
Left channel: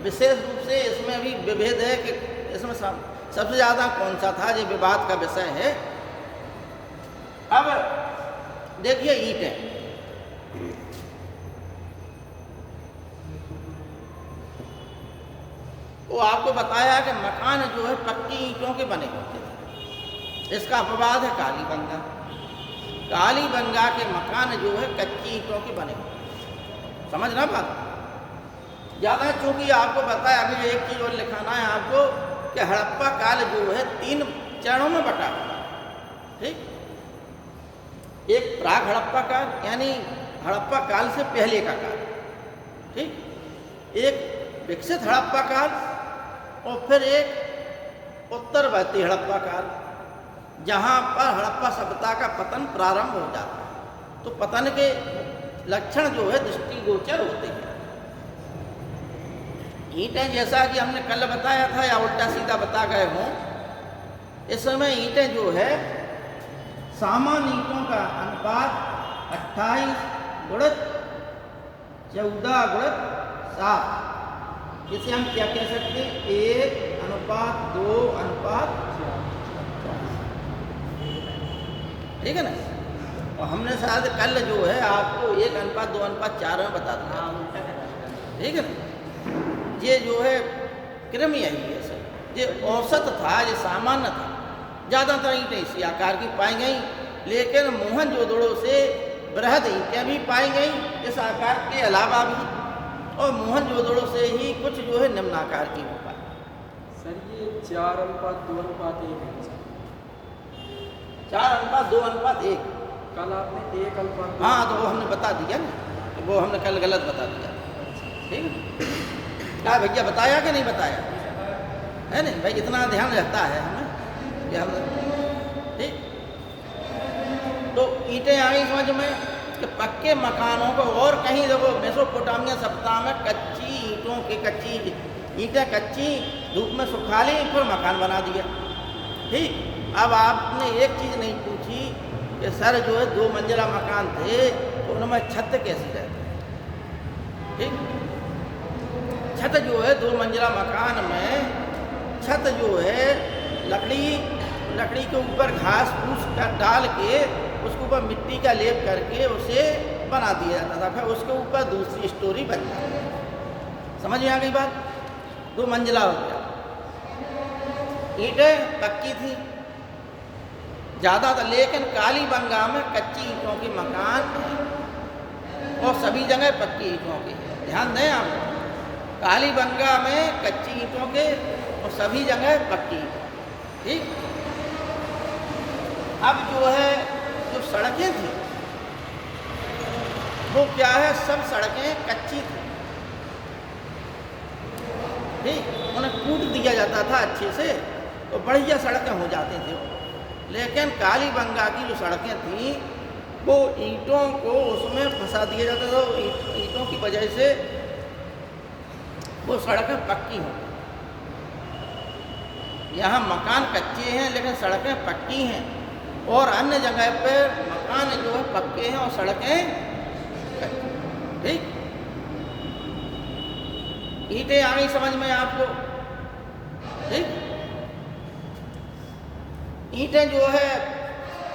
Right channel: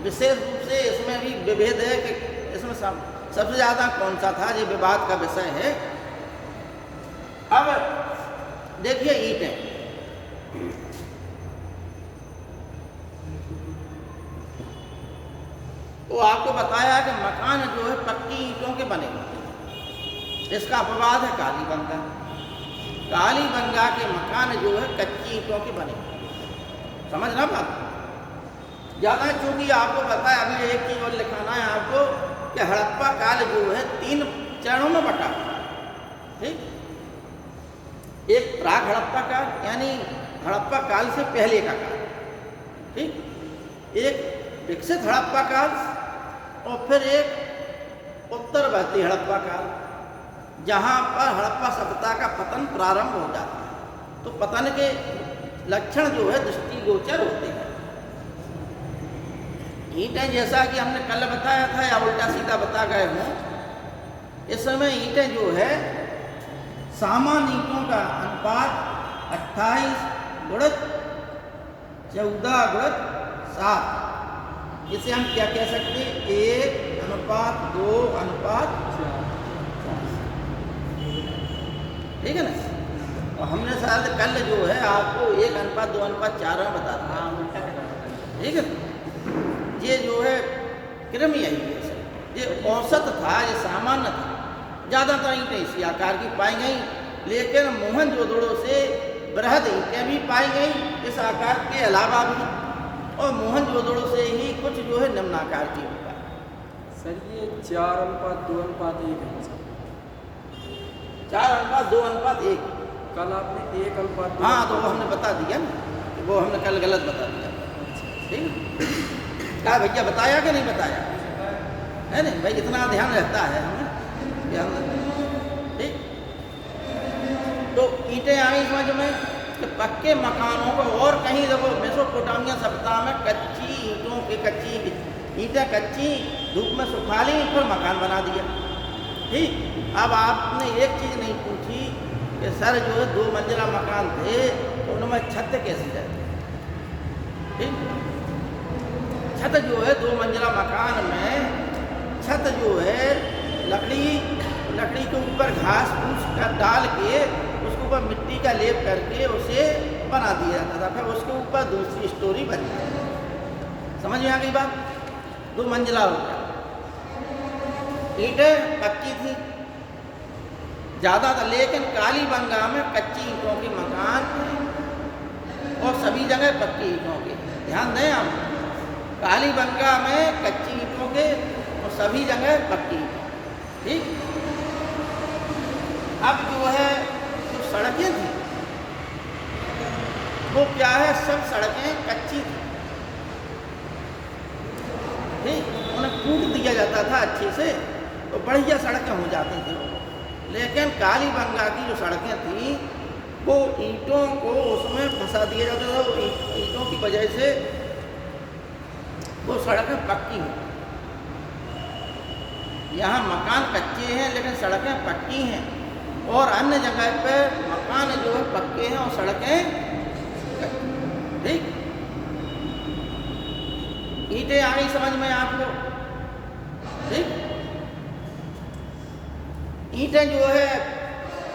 विशेष रूप से इसमें भी विभेद है कि इसमें सबसे ज़्यादा कौन सा था, ये विवाद का विषय है। अब देखिए ईंटें, तो आपको बताया कि मकान जो है पक्की ईंटों के बने होते हैं। इसका अपवाद है कालीबंगा। कालीबंगा के मकान जो है कच्ची ईंटों के बने होते हैं। समझना बात ज़्यादा, चूंकि आपको बताया अभी एक चीज़ और लिखाना है आपको कि हड़प्पा काल जो है 3 चरणों में बटा है। ठीक, एक प्राग हड़प्पा काल यानी हड़प्पा काल से पहले का काल, ठीक, एक विकसित हड़प्पा काल और फिर एक उत्तरवर्ती हड़प्पा काल, जहाँ पर हड़प्पा सभ्यता का पतन प्रारंभ हो जाता है। तो पतन के लक्षण जो है दृष्टिगोचर होते हैं। ईंटें जैसा कि हमने कल बताया था या उल्टा सीधा बता गए हों, इस समय ईंटें जो है सामान्य ईंटों का अनुपात 28 गुणित 14 गुणित 7, इसे हम क्या कह सकते हैं, 1:2:4, ठीक है ना। और हमने शायद कल जो है आपको 1:2:4 में बता था, उल्टा करवा, ठीक है। ये जो है क्रम यही है, ये औसत था, ये सामान्य था। ज़्यादातर ईंटें इसी आकार की पाई गई, लेकिन मोहनजोदड़ो से बृहद ईंटें भी पाई गई इस आकार के अलावा भी, और मोहनजोदड़ो से ही कुछ जो है निम्न आकार की हो पाई। सर ये 4:2:1 है सर। 4:2:1। कल आपने 1:2। हाँ, तो वो हमने बता दिया ना, वो हमने कल गलत बता दिया, ठीक है। क्या भैया बताया कि नहीं बताया है नहीं भाई, इतना ध्यान रहता है हमें कि हम, ठीक। तो ईंटें आई समझ में कि पक्के मकानों को, और कहीं देखो मेसोपोटामिया सभ्यता में कच्ची ईंटें कच्ची धूप में सुखा ली, फिर मकान बना दिया, ठीक। अब आपने एक चीज़ नहीं पूछी कि सर जो है 2 मंजिला मकान थे तो उनमें छत कैसे जाती, ठीक। छत जो है 2 मंजिला मकान में छत जो है लकड़ी के ऊपर घास फूस का डाल के उसके ऊपर मिट्टी का लेप करके उसे बना दिया जाता था, फिर उसके ऊपर दूसरी स्टोरी बन जाती। समझ में आ गई बात? 2 मंजिला हो गया। ईंटें पक्की थी ज़्यादातर, लेकिन कालीबंगा में कच्ची ईंटों के मकान हैं और सभी जगह पक्की ईंटों के। ध्यान दें आप, कालीबंगा में कच्ची ईंटों के और सभी जगह पक्की, ठीक। अब जो है जो सड़कें थी वो क्या है, सब सड़कें कच्ची थी, ठीक। उन्हें कूट दिया जाता था अच्छे से तो बढ़िया सड़कें हो जाती थी। लेकिन कालीबंगा की जो सड़कें थी वो ईंटों को उसमें फंसा दिया जाता था, ईंटों की वजह से वो सड़कें पक्की हों। यहाँ मकान कच्चे हैं लेकिन सड़कें पक्की हैं, और अन्य जगह पे मकान जो है पक्के हैं और सड़कें, ठीक। ईंटें आ गई समझ में आपको, ठीक। ईंटें जो है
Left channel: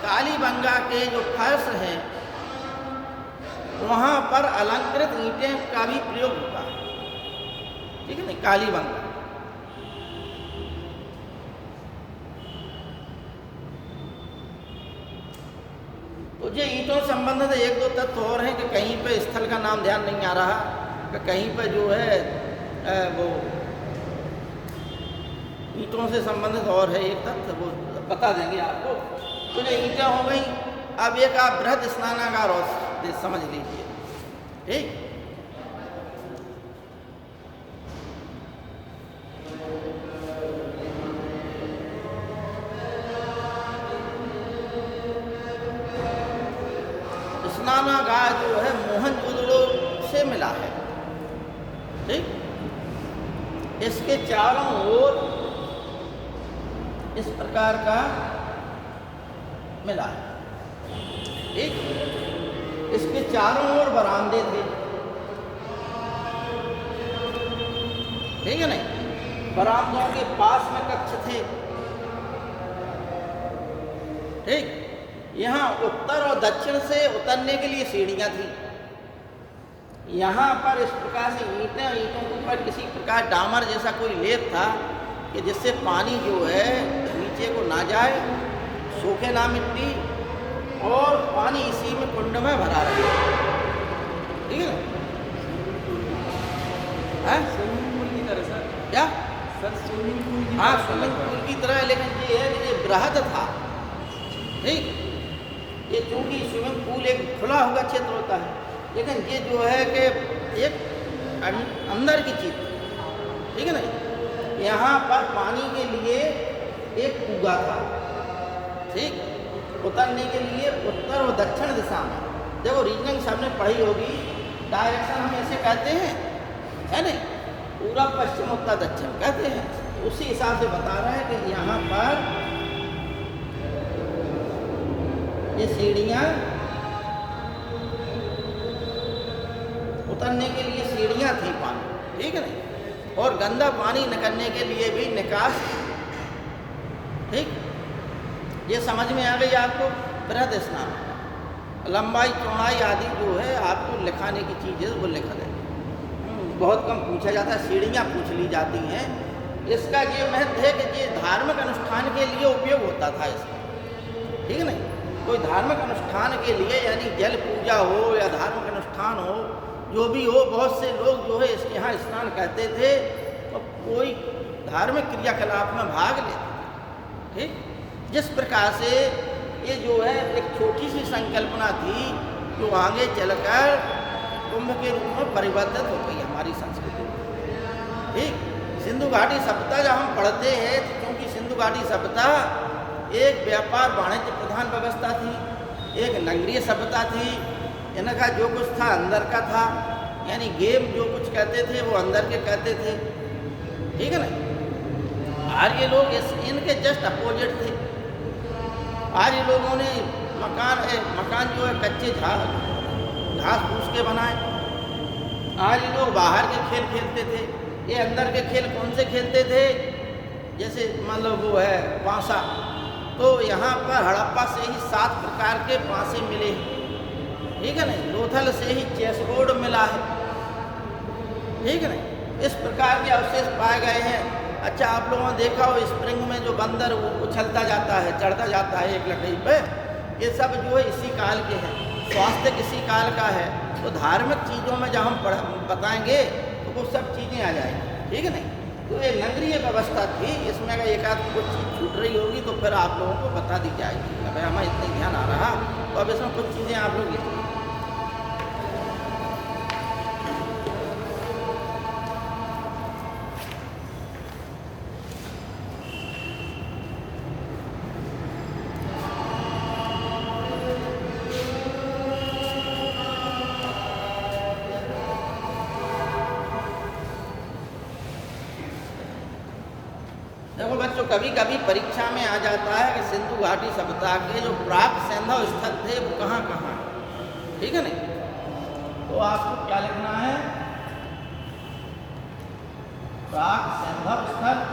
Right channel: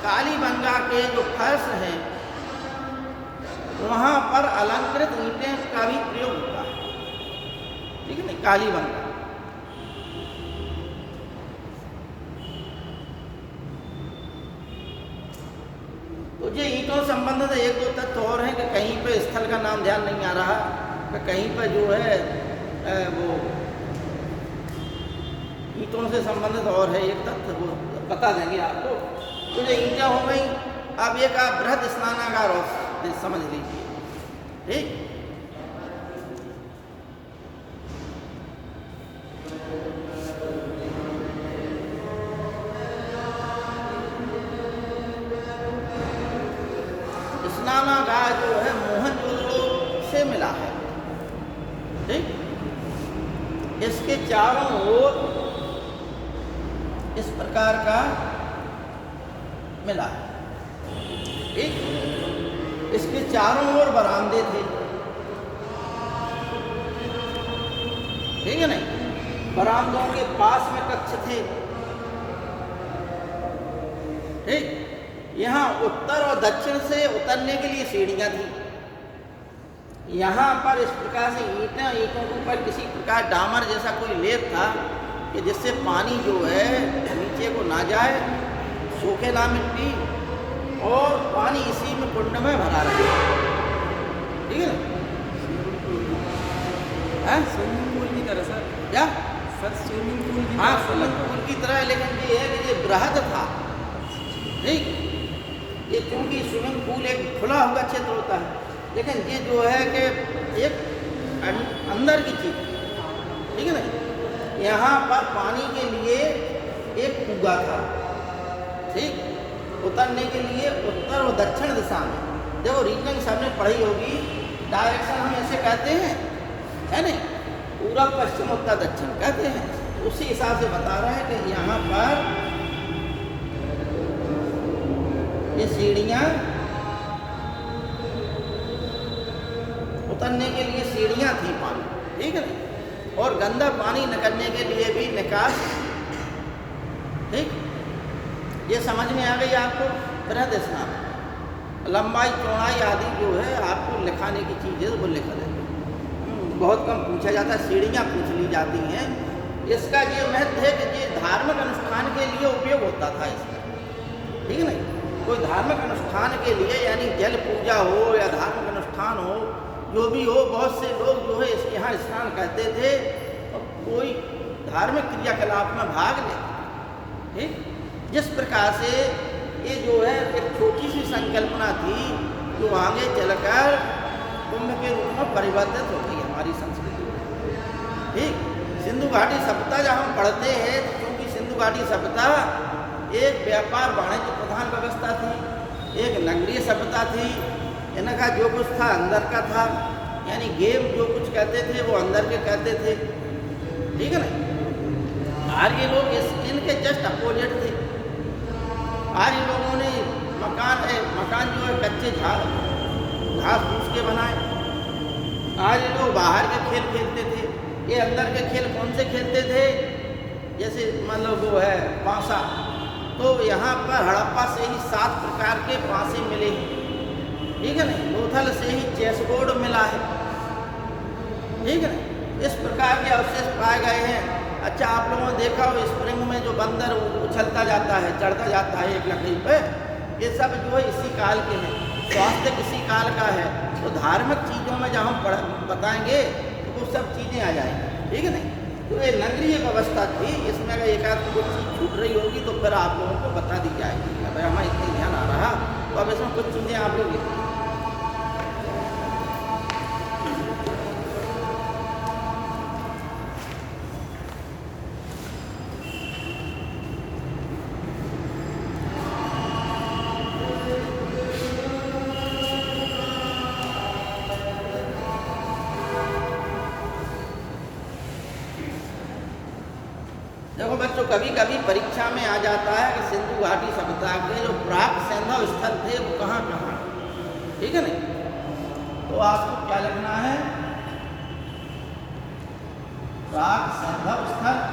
कालीबंगा के जो फर्श हैं वहाँ पर अलंकृत ईंटें का भी प्रयोग होता है, ठीक है ना, कालीबंगा। तो ये ईंटों से संबंधित 1-2 तथ्य और हैं कि कहीं पे स्थल का नाम ध्यान नहीं आ रहा, कि कहीं पे जो है वो ईंटों से संबंधित और है एक तथ्य, वो बता देंगे आपको। तो ये ईंटें हो गई। अब एक आप बृहद स्नानागार और समझ लीजिए, ठीक। स्नानागार जो है मोहनजोदड़ो से मिला है, ठीक। इसके चारों ओर इस प्रकार का मिला है, ठीक। इसके चारों ओर बरामदे थे, ठीक है ना। बरामदों के पास में कक्ष थे, ठीक। यहाँ उत्तर और दक्षिण से उतरने के लिए सीढ़ियाँ थी। यहाँ पर इस प्रकार से ईंटों के ऊपर किसी प्रकार डामर जैसा कोई लेप था कि जिससे पानी जो है नीचे को ना जाए, सूखे ना मिट्टी, और पानी इसी में कुंड में भरा रहे, ठीक है ना। स्विमिंग पूल की तरह सर। क्या सर स्विमिंग पूल की हाँ, तरह स्विमिंग पूल की तरह, लेकिन ये है कि ये बृहद था, ठीक। ये चूँकि स्विमिंग पूल एक खुला हुआ क्षेत्र होता है, लेकिन ये जो है कि एक अंदर की चीज, ठीक है ना। यहाँ पर पानी के लिए एक कुआं था, ठीक। उतरने के लिए उत्तर और दक्षिण दिशा में, देखो रीजनिंग सबने पढ़ी होगी, डायरेक्शन हम ऐसे कहते हैं, है ना, पूरब पश्चिम उत्तर दक्षिण कहते हैं। उसी हिसाब से बता रहे हैं कि यहाँ पर ये सीढ़ियाँ, उतरने के लिए सीढ़ियाँ थी पानी, ठीक है ना, और गंदा पानी निकलने के लिए भी निकास, ठीक। ये समझ में आ गई आपको। बृहद स्नान, लंबाई चौड़ाई आदि जो है आपको लिखाने की चीज़ है वो लिखा देंगे। बहुत कम पूछा जाता है, सीढ़ियाँ पूछ ली जाती हैं। इसका ये महत्व है कि ये धार्मिक अनुष्ठान के लिए उपयोग होता था इसका, ठीक है ना। कोई धार्मिक अनुष्ठान के लिए, यानी जल पूजा हो या धार्मिक अनुष्ठान हो, जो भी हो, बहुत से लोग जो है इसके यहाँ स्नान करते थे तो कोई धार्मिक क्रियाकलाप में भाग लेते, ठीक। जिस प्रकार से ये जो है एक छोटी सी संकल्पना थी जो आगे चलकर कुंभ के रूप में परिवर्तित होती है हमारी संस्कृति, ठीक। सिंधु घाटी सभ्यता जब हम पढ़ते हैं, क्योंकि सिंधु घाटी सभ्यता एक व्यापार वाणिज्य प्रधान व्यवस्था थी, एक नगरीय सभ्यता थी। इनका जो कुछ था अंदर का था, यानी गेम जो कुछ कहते थे वो अंदर के कहते थे, ठीक है ना। आर्य लोग इनके जस्ट अपोजिट थे। आर्य लोगों ने मकान जो है कच्चे घास फूस के बनाए। आर्य लोग बाहर के खेल खेलते थे। ये अंदर के खेल कौन से खेलते थे, जैसे मान लो वो है पासा, तो यहाँ पर हड़प्पा से ही 7 प्रकार के पासे मिले, ठीक है ना। लोथल से ही चेस बोर्ड मिला है, ठीक है ना। इस प्रकार के अवशेष पाए गए हैं। अच्छा, आप लोगों ने देखा हो स्प्रिंग में जो बंदर उछलता जाता है, चढ़ता जाता है एक लकड़ी पे, ये सब जो है इसी काल के हैं। स्वास्थ्य किसी काल का है। तो धार्मिक चीज़ों में जब हम बताएंगे तो वो सब चीज़ें आ जाएंगी, ठीक है ना। तो ये नगरीय व्यवस्था थी, इसमें अगर एक आध कुछ चीज़ छूट रही होगी तो फिर आप लोगों को बता दी जाएगी। अगर हमें इतने ध्यान आ रहा तो अब इसमें कुछ चीज़ें आप लोग लिखें। देखो बच्चों, कभी कभी परीक्षा में आ जाता है कि सिंधु घाटी सभ्यता के जो प्राक सैंधव स्थल थे वो कहाँ कहाँ, ठीक है ना। तो आपको क्या लिखना है, प्राक सैंधव स्थल,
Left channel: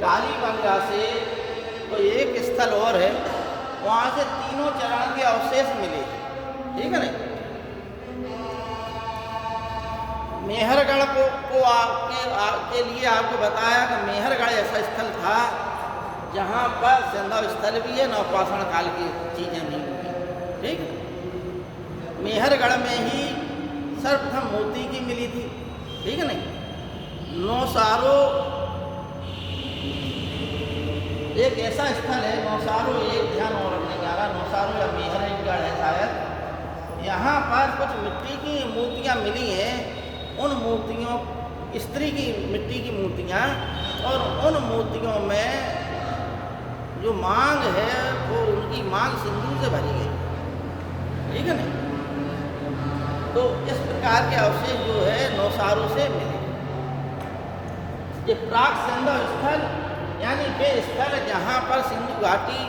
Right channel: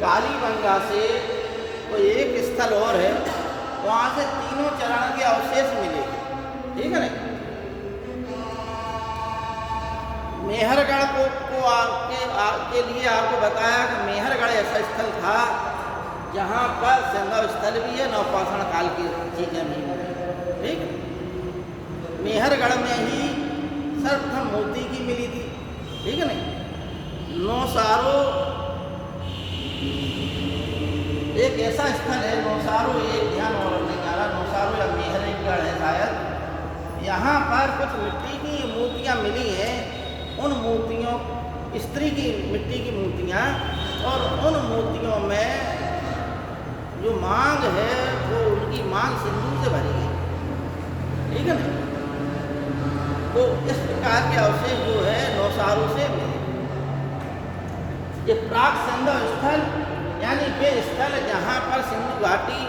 कालीबंगा से कोई एक स्थल और है, वहाँ से तीनों चरण के अवशेष मिले, ठीक है ना। मेहरगढ़ को आपके लिए आपको बताया कि मेहरगढ़ ऐसा स्थल था जहाँ पर संगम स्थल भी है, नवपाषाण काल की चीज़ें भी हुई, ठीक। मेहरगढ़ में ही सर्वप्रथम मोती की मिली थी, ठीक है ना। नौसारो एक ऐसा स्थल है, नौसारो, एक ध्यान और रखने जा रहा, नौसारो या मेहरगढ़ है शायद। यहाँ पर कुछ मिट्टी की मूर्तियाँ मिली हैं, उन मूर्तियों, स्त्री की मिट्टी की मूर्तियाँ, और उन मूर्तियों में जो मांग है वो उनकी मांग सिंदूर से भरी गई, ठीक है ना। तो इस प्रकार के अवशेष जो है नौसारों से मिले। ये प्राक सिंधु स्थल यानी वे स्थल जहाँ पर सिंधु घाटी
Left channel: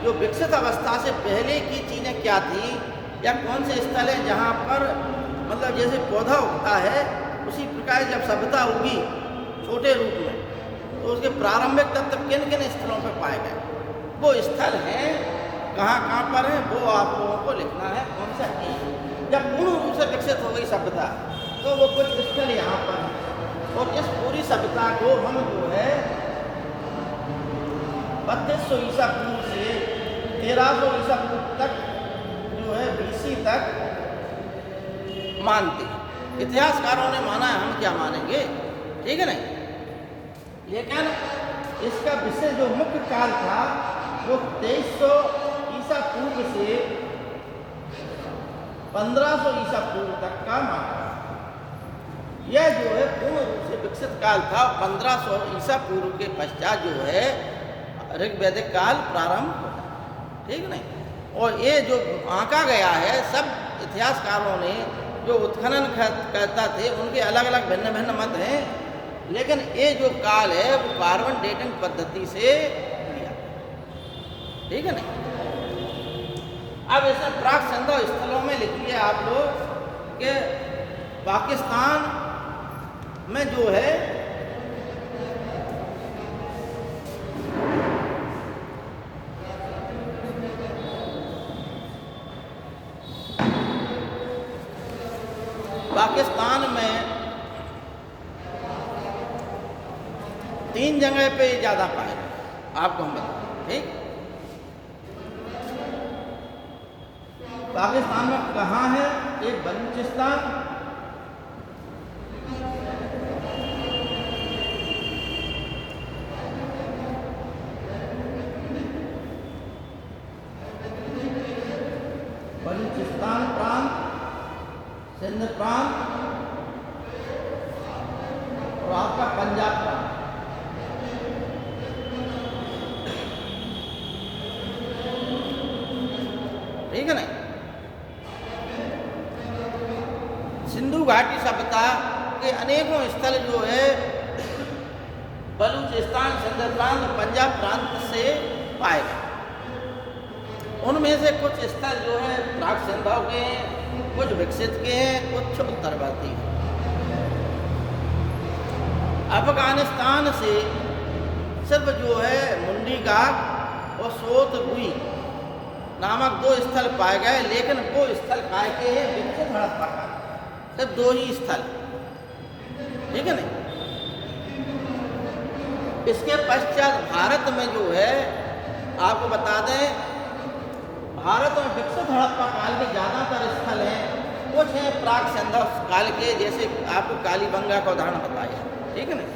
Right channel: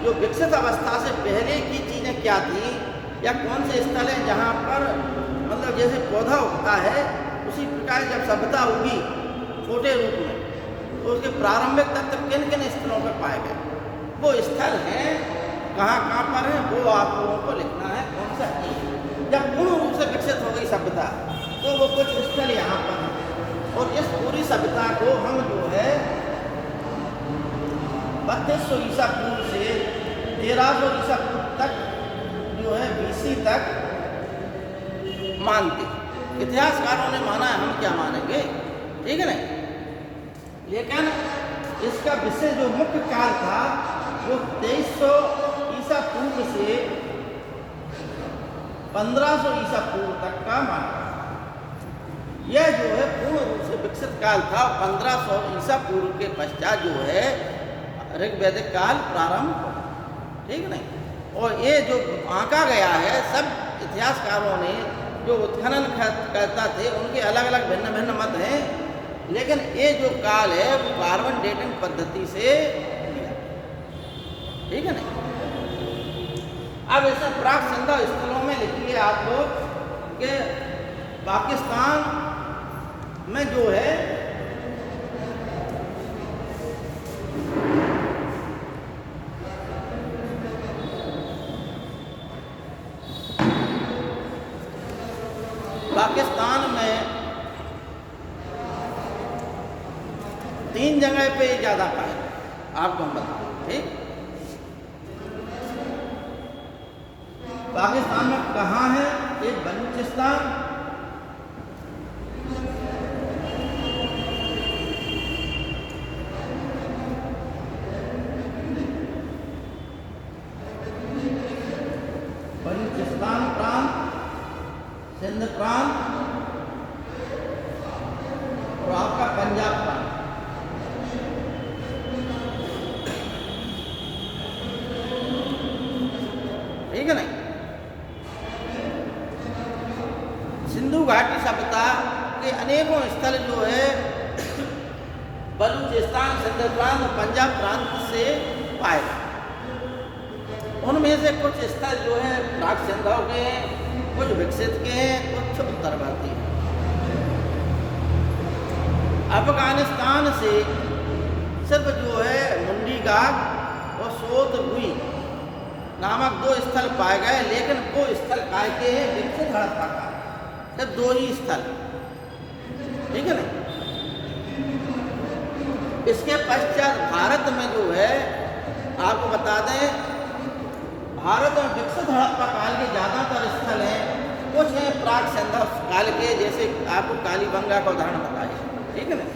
जो विकसित अवस्था से पहले की चीज़ें क्या थी, या कौन से स्थल हैं जहाँ पर मतलब जैसे पौधा उगता है उसी प्रकार जब सभ्यता उगी छोटे रूप में, तो उसके प्रारंभिक तत्व किन किन स्थलों पर पाए गए, वो स्थल हैं कहाँ कहाँ पर हैं, वो आप लोगों को लिखना है। कौन सा है जब पूर्ण रूप से विकसित हो गई सभ्यता, तो वो कुछ स्थल यहाँ पर हैं। और इस पूरी सभ्यता को हम जो है 3200 ईसा पूर्व से 1300 ईसा पूर्व तक जो है BC तक मानते। इतिहासकारों ने माना है, हम क्या मानेंगे, ठीक है ना। लेकिन इसका विषय जो मुख्य काल था वो 2300 ईसा पूर्व से 1500 ईसा पूर्व तक का माना। यह जो है पूर्ण रूप से विकसित काल था। 1500 ईसा पूर्व के पश्चात जो है ऋग्वैदिक काल प्रारंभ, ठीक है। और ये जो आंका गया है, सब इतिहासकारों ने जो उत्खनन करता थे उनके अलग अलग भिन्न भिन्न मत हैं, लेकिन ये जो काल है वो कार्बन डेटिंग पद्धति से लिया, ठीक है ना। अब ऐसे प्राक सिंधु स्थलों में लिखिए आप लोग कि पाकिस्तान में जो है पाकिस्तान में 3 जगह पे ज़्यादा पाए, आपको हम बताएं, ठीक। पाकिस्तान में कहाँ है, एक बलूचिस्तान, बलूचिस्तान प्रांत, सिंध प्रांत और आपका पंजाब प्रांत, ठीक है ना। सिंधु घाटी सभ्यता के अनेकों स्थल जो है बलूचिस्तान, सिंध प्रांत और पंजाब प्रांत से पाए गए। उनमें से कुछ स्थल जो है प्राक सिंधु के हैं, कुछ विकसित के हैं, कुछ उत्तरवर्ती हैं। अफगानिस्तान से सिर्फ जो है मुंडी घाट और सोतगुई नामक 2 स्थल पाए गए, लेकिन वो स्थल काय के हैं विकसित हड़प्पा का, सिर्फ 2 ही स्थल, ठीक है ना। इसके पश्चात भारत में जो है आपको बता दें, भारत में विकसित हड़प्पा काल के ज़्यादातर स्थल हैं, कुछ हैं प्राक सिंधु काल के, जैसे आपको कालीबंगा का उदाहरण बताया, ठीक है ना।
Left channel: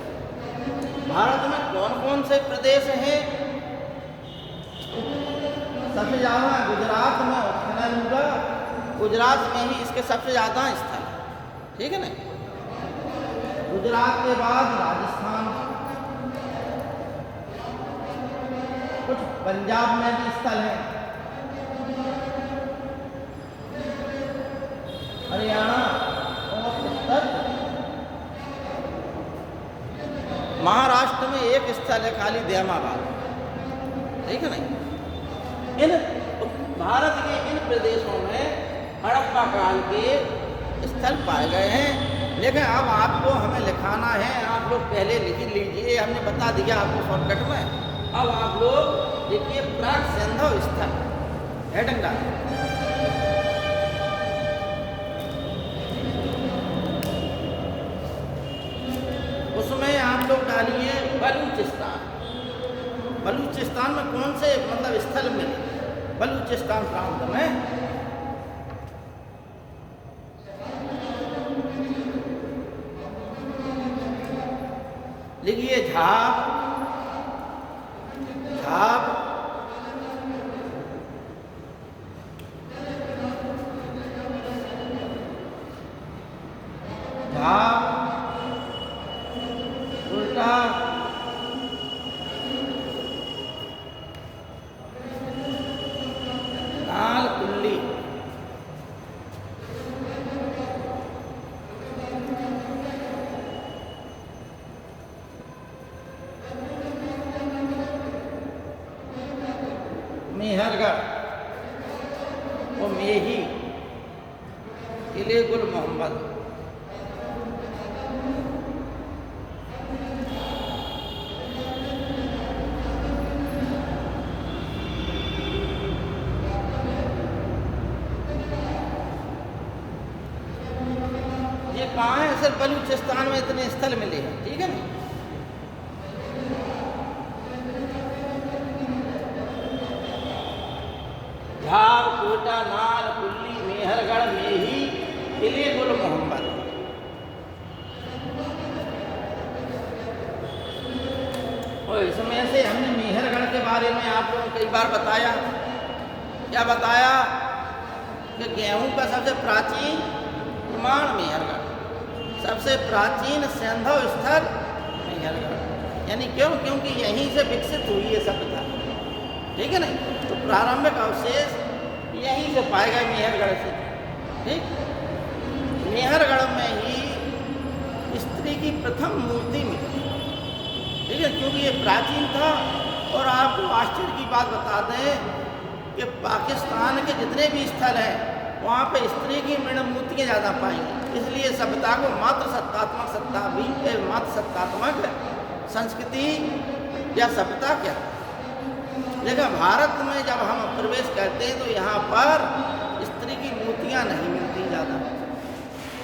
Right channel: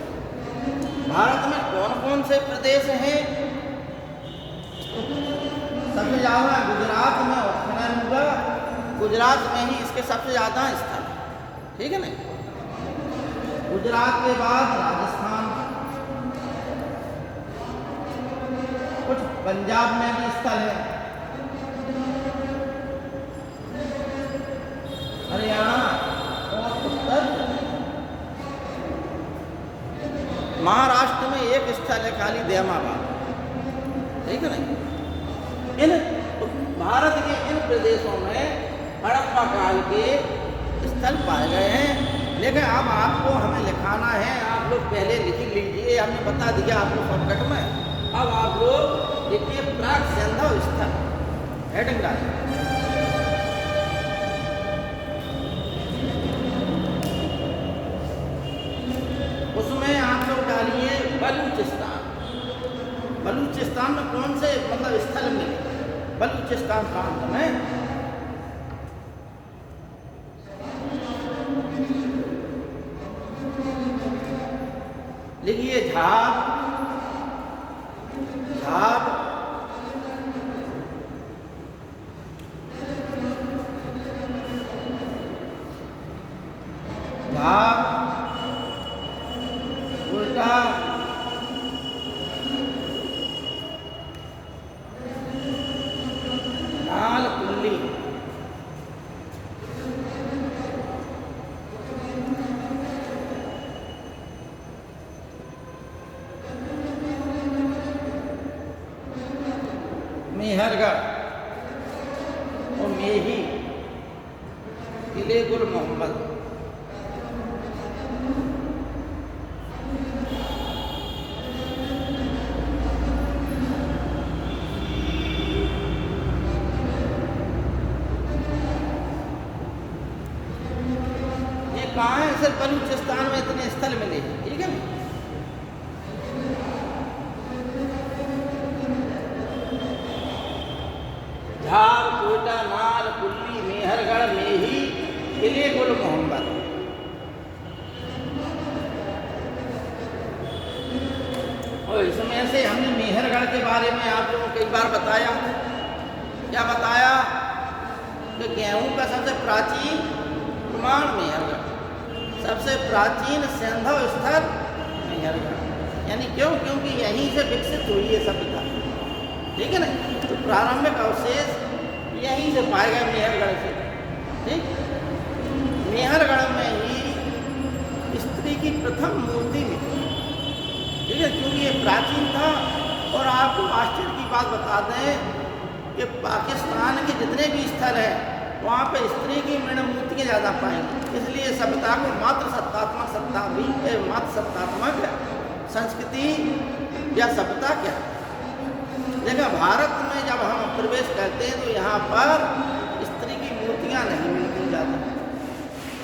भारत में कौन कौन से प्रदेश हैं, सबसे ज़्यादा गुजरात में उत्खनन हुआ, गुजरात में ही इसके सबसे ज़्यादा स्थल, ठीक है ना। गुजरात के बाद राजस्थान, कुछ पंजाब में भी स्थल है, हरियाणा और उत्तर महाराष्ट्र में एक स्थल है खाली देमाबाद, ठीक है ना। इन भारत के इन प्रदेशों में हड़प्पा काल के स्थल पाए गए हैं, लेकिन अब आपको हमें लिखाना है। आप लोग पहले लिख लीजिए, हमने बता दिया आपको शॉर्टकट में। अब आप लोग लिखिए प्राक सिंधु स्थल, हेडिंग डालिए। उसमें आप लोग डालिए बलूचिस्तान। बलूचिस्तान में कौन से मतलब स्थल मिले बलूचिस्तान प्रांत में, लिखिए झाप, झाप, झाप, उल्टा, मेहरगढ़ और मेही, किले गुल मोहम्मद। ये कहाँ है? सिर्फ बलूचिस्तान में इतने स्थल मिले हैं, ठीक है ना। झार, कोटा, नाल, कुल्ली, मेहरगढ़, मेही, किले गुल मोहम्मद। और इसमें से हमने मेहरगढ़ के बारे में आप लोगों को कई बार बताया। क्या बताया? कि गेहूं का सबसे प्राचीन प्रमाण मेहरगढ़, सबसे प्राचीन सैंधव स्थल मेहरगढ़। यानी क्यों? क्योंकि यहीं से विकसित हुई है सभ्यता, ठीक है ना। तो प्रारंभिक अवशेष यहीं से पाए गए मेहरगढ़ से, ठीक। मेहरगढ़ में ही स्त्री की प्रथम मूर्ति मिली, ठीक है, क्योंकि ये प्राचीन था। और आपको आश्चर्य की बात बता दें कि पाकिस्तान के जितने भी स्थल हैं वहाँ पर स्त्री की मृण मूर्तियाँ ज़्यादा पाएंगे। इसलिए सभ्यता को मात्र सत्तात्मक संस्कृति या सभ्यता क्या। लेकिन भारत में जब हम प्रवेश करते हैं तो यहाँ पर स्त्री की मूर्तियाँ नहीं मिलती ज़्यादा,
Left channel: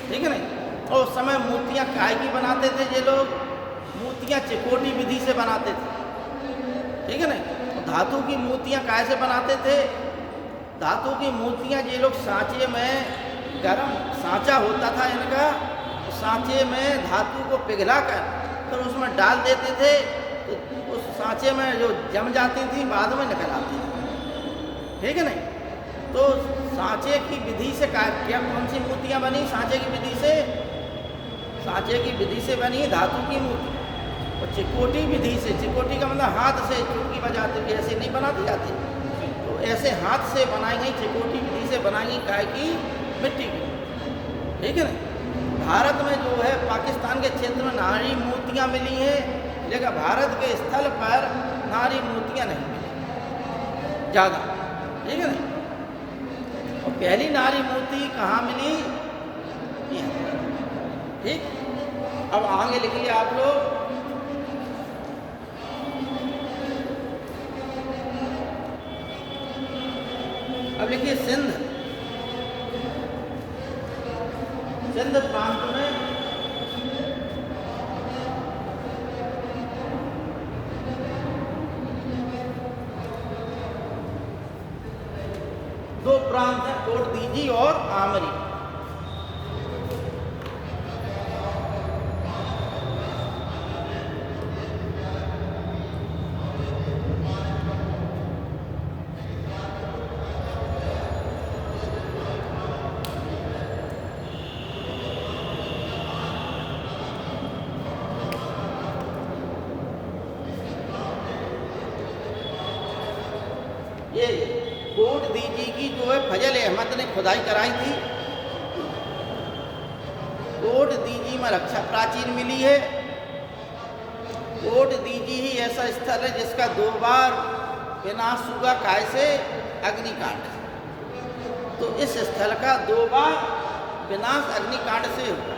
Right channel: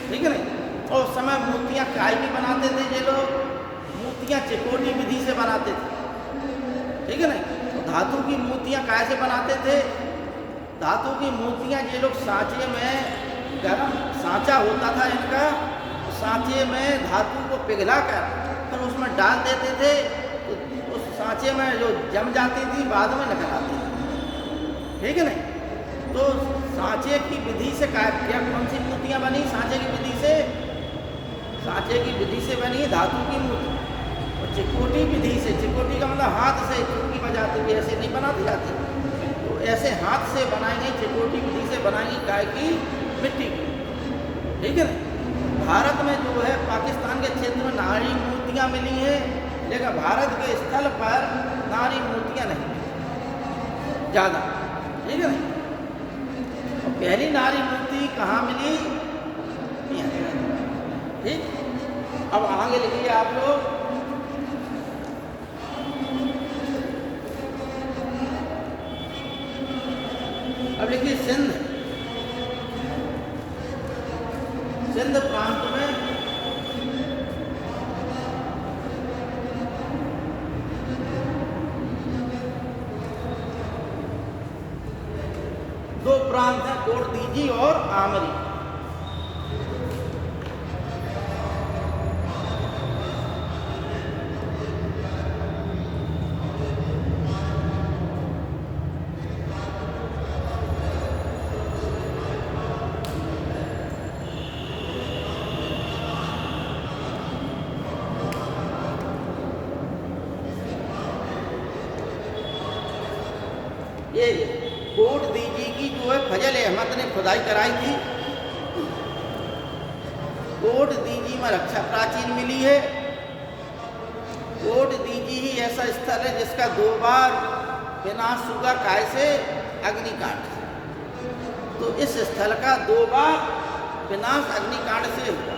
ठीक है ना। और उस समय मूर्तियाँ काय की बनाते थे ये लोग? मूर्तियाँ चिकोटी विधि से बनाते थे, ठीक है ना। धातु की मूर्तियाँ काय से बनाते थे? धातु की मूर्तियाँ ये लोग सांचे में, गर्म सांचा होता था इनका, सांचे में धातु को पिघला कर तो उसमें डाल देते थे। तो उस सांचे में जो जम जाती थी बाद में निकल आती थी, ठीक है ना। तो सांचे की विधि से क्या कौन सी मूर्तियाँ बनी? सांचे की विधि से, सांचे की विधि से बनी धातु की मूर्ति। और चिकोटी विधि से, चिकोटी का मतलब हाथ से चुटकी बजाते हुए ऐसे नहीं बनाती जाती, तो ऐसे हाथ से बनाई गई चिकोटी विधि से बनाई गई काय की? मिट्टी की, ठीक है ना। भारत में जो है पाकिस्तान के क्षेत्र में नारी मूर्तियाँ मिली हैं, लेकिन भारत के स्थल पर नारी मूर्तियाँ नहीं मिली ज़्यादा, ठीक है ना। और पहली नारी मूर्ति कहाँ मिली? ठीक। अब आगे लिखिए आप लोग। अब लिखिए सिंध, सिंध प्रांत में दो प्रांत हैं, कोट दीजी और आमरी। ये कोट दीजी की जो है फजल अहमद ने खुदाई कराई थी। कोट दीजी में रक्षा प्राचीन मिली है। कोट दीजी ही ऐसा स्थल है जिसका 2 बार विनाश हुआ, काय से? अग्निकांड। तो इस स्थल का 2 बार विनाश अग्निकांड से हुआ।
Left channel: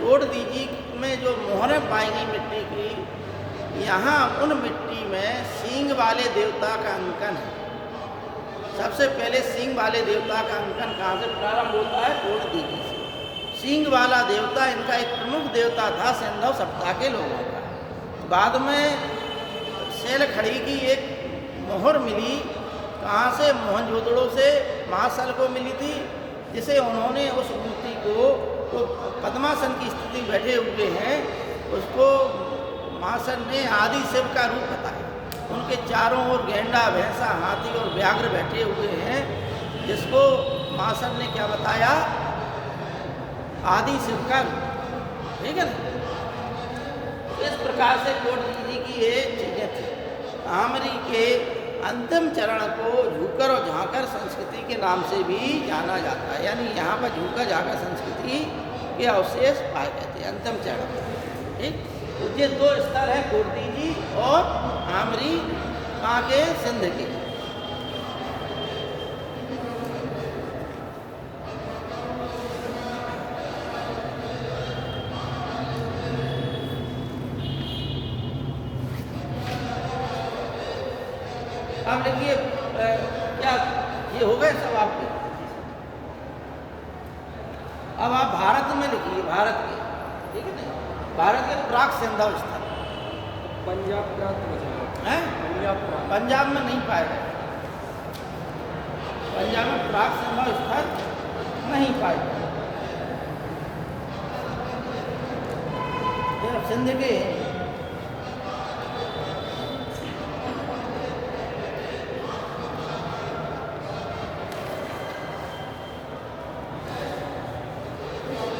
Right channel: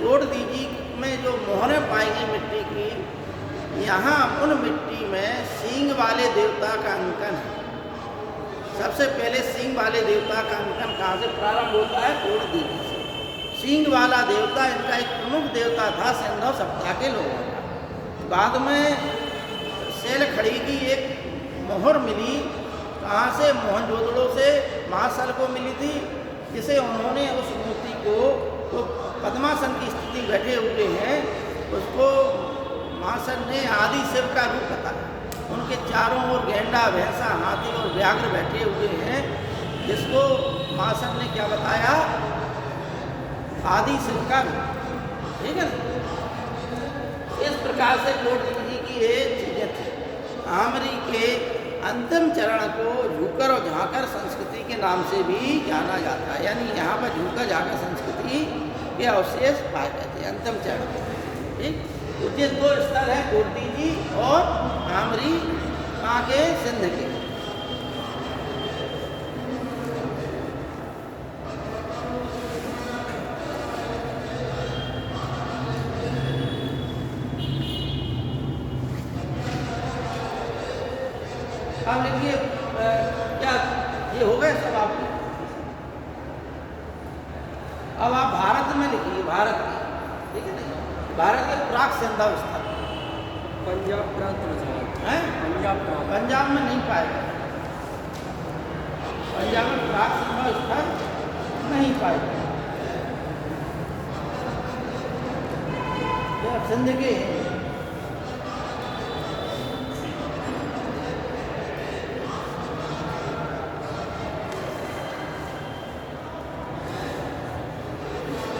कोट दीजी में जो मोहरें पाई गई मिट्टी की, यहाँ उन मिट्टी में सींग वाले देवता का अंकन है। सबसे पहले सींग वाले देवता का अंकन कहाँ से प्रारंभ होता है? कोट दीजी से। सींग वाला देवता इनका एक प्रमुख देवता था सैंधव सभ्यता के लोगों का। बाद में सेल खड़ी की एक मोहर मिली, कहाँ से? मोहनजोदड़ो से महासल को मिली थी, जिसे उन्होंने उस मूर्ति को, वो पद्मासन की स्थिति बैठे हुए हैं, उसको महासन ने आदि शिव का रूप बताया। उनके चारों ओर गेंडा, भैंसा, हाथी और व्याघ्र बैठे हुए हैं, जिसको महासन ने क्या बताया? आदि शिव का रूप, ठीक है ना। इस प्रकार से कोट दीजी की ये चीज़ें थी। आमरी के अंतिम चरण को झूकर और झांकर संस्कृति के नाम से भी जाना जाता है। यानी यहाँ पर झूकर झांकर संस्कृति के अवशेष पाए गए थे अंतिम चरण में, ठीक। तो ये 2 स्थल हैं, कोट दीजी और आमरी, कहाँ के? सिंध के। अब लिखिए क्या ये हो गए सब आपके। अब आप भारत में लिखिए, भारत में, ठीक है ना, भारत के प्राक संभव स्थल पंजाब प्रांत में जाएगा। है, पंजाब प्रांत। पंजाब में नहीं पाएगा, पंजाब में प्राक संभव स्थल नहीं पाएगा। जब सिंध के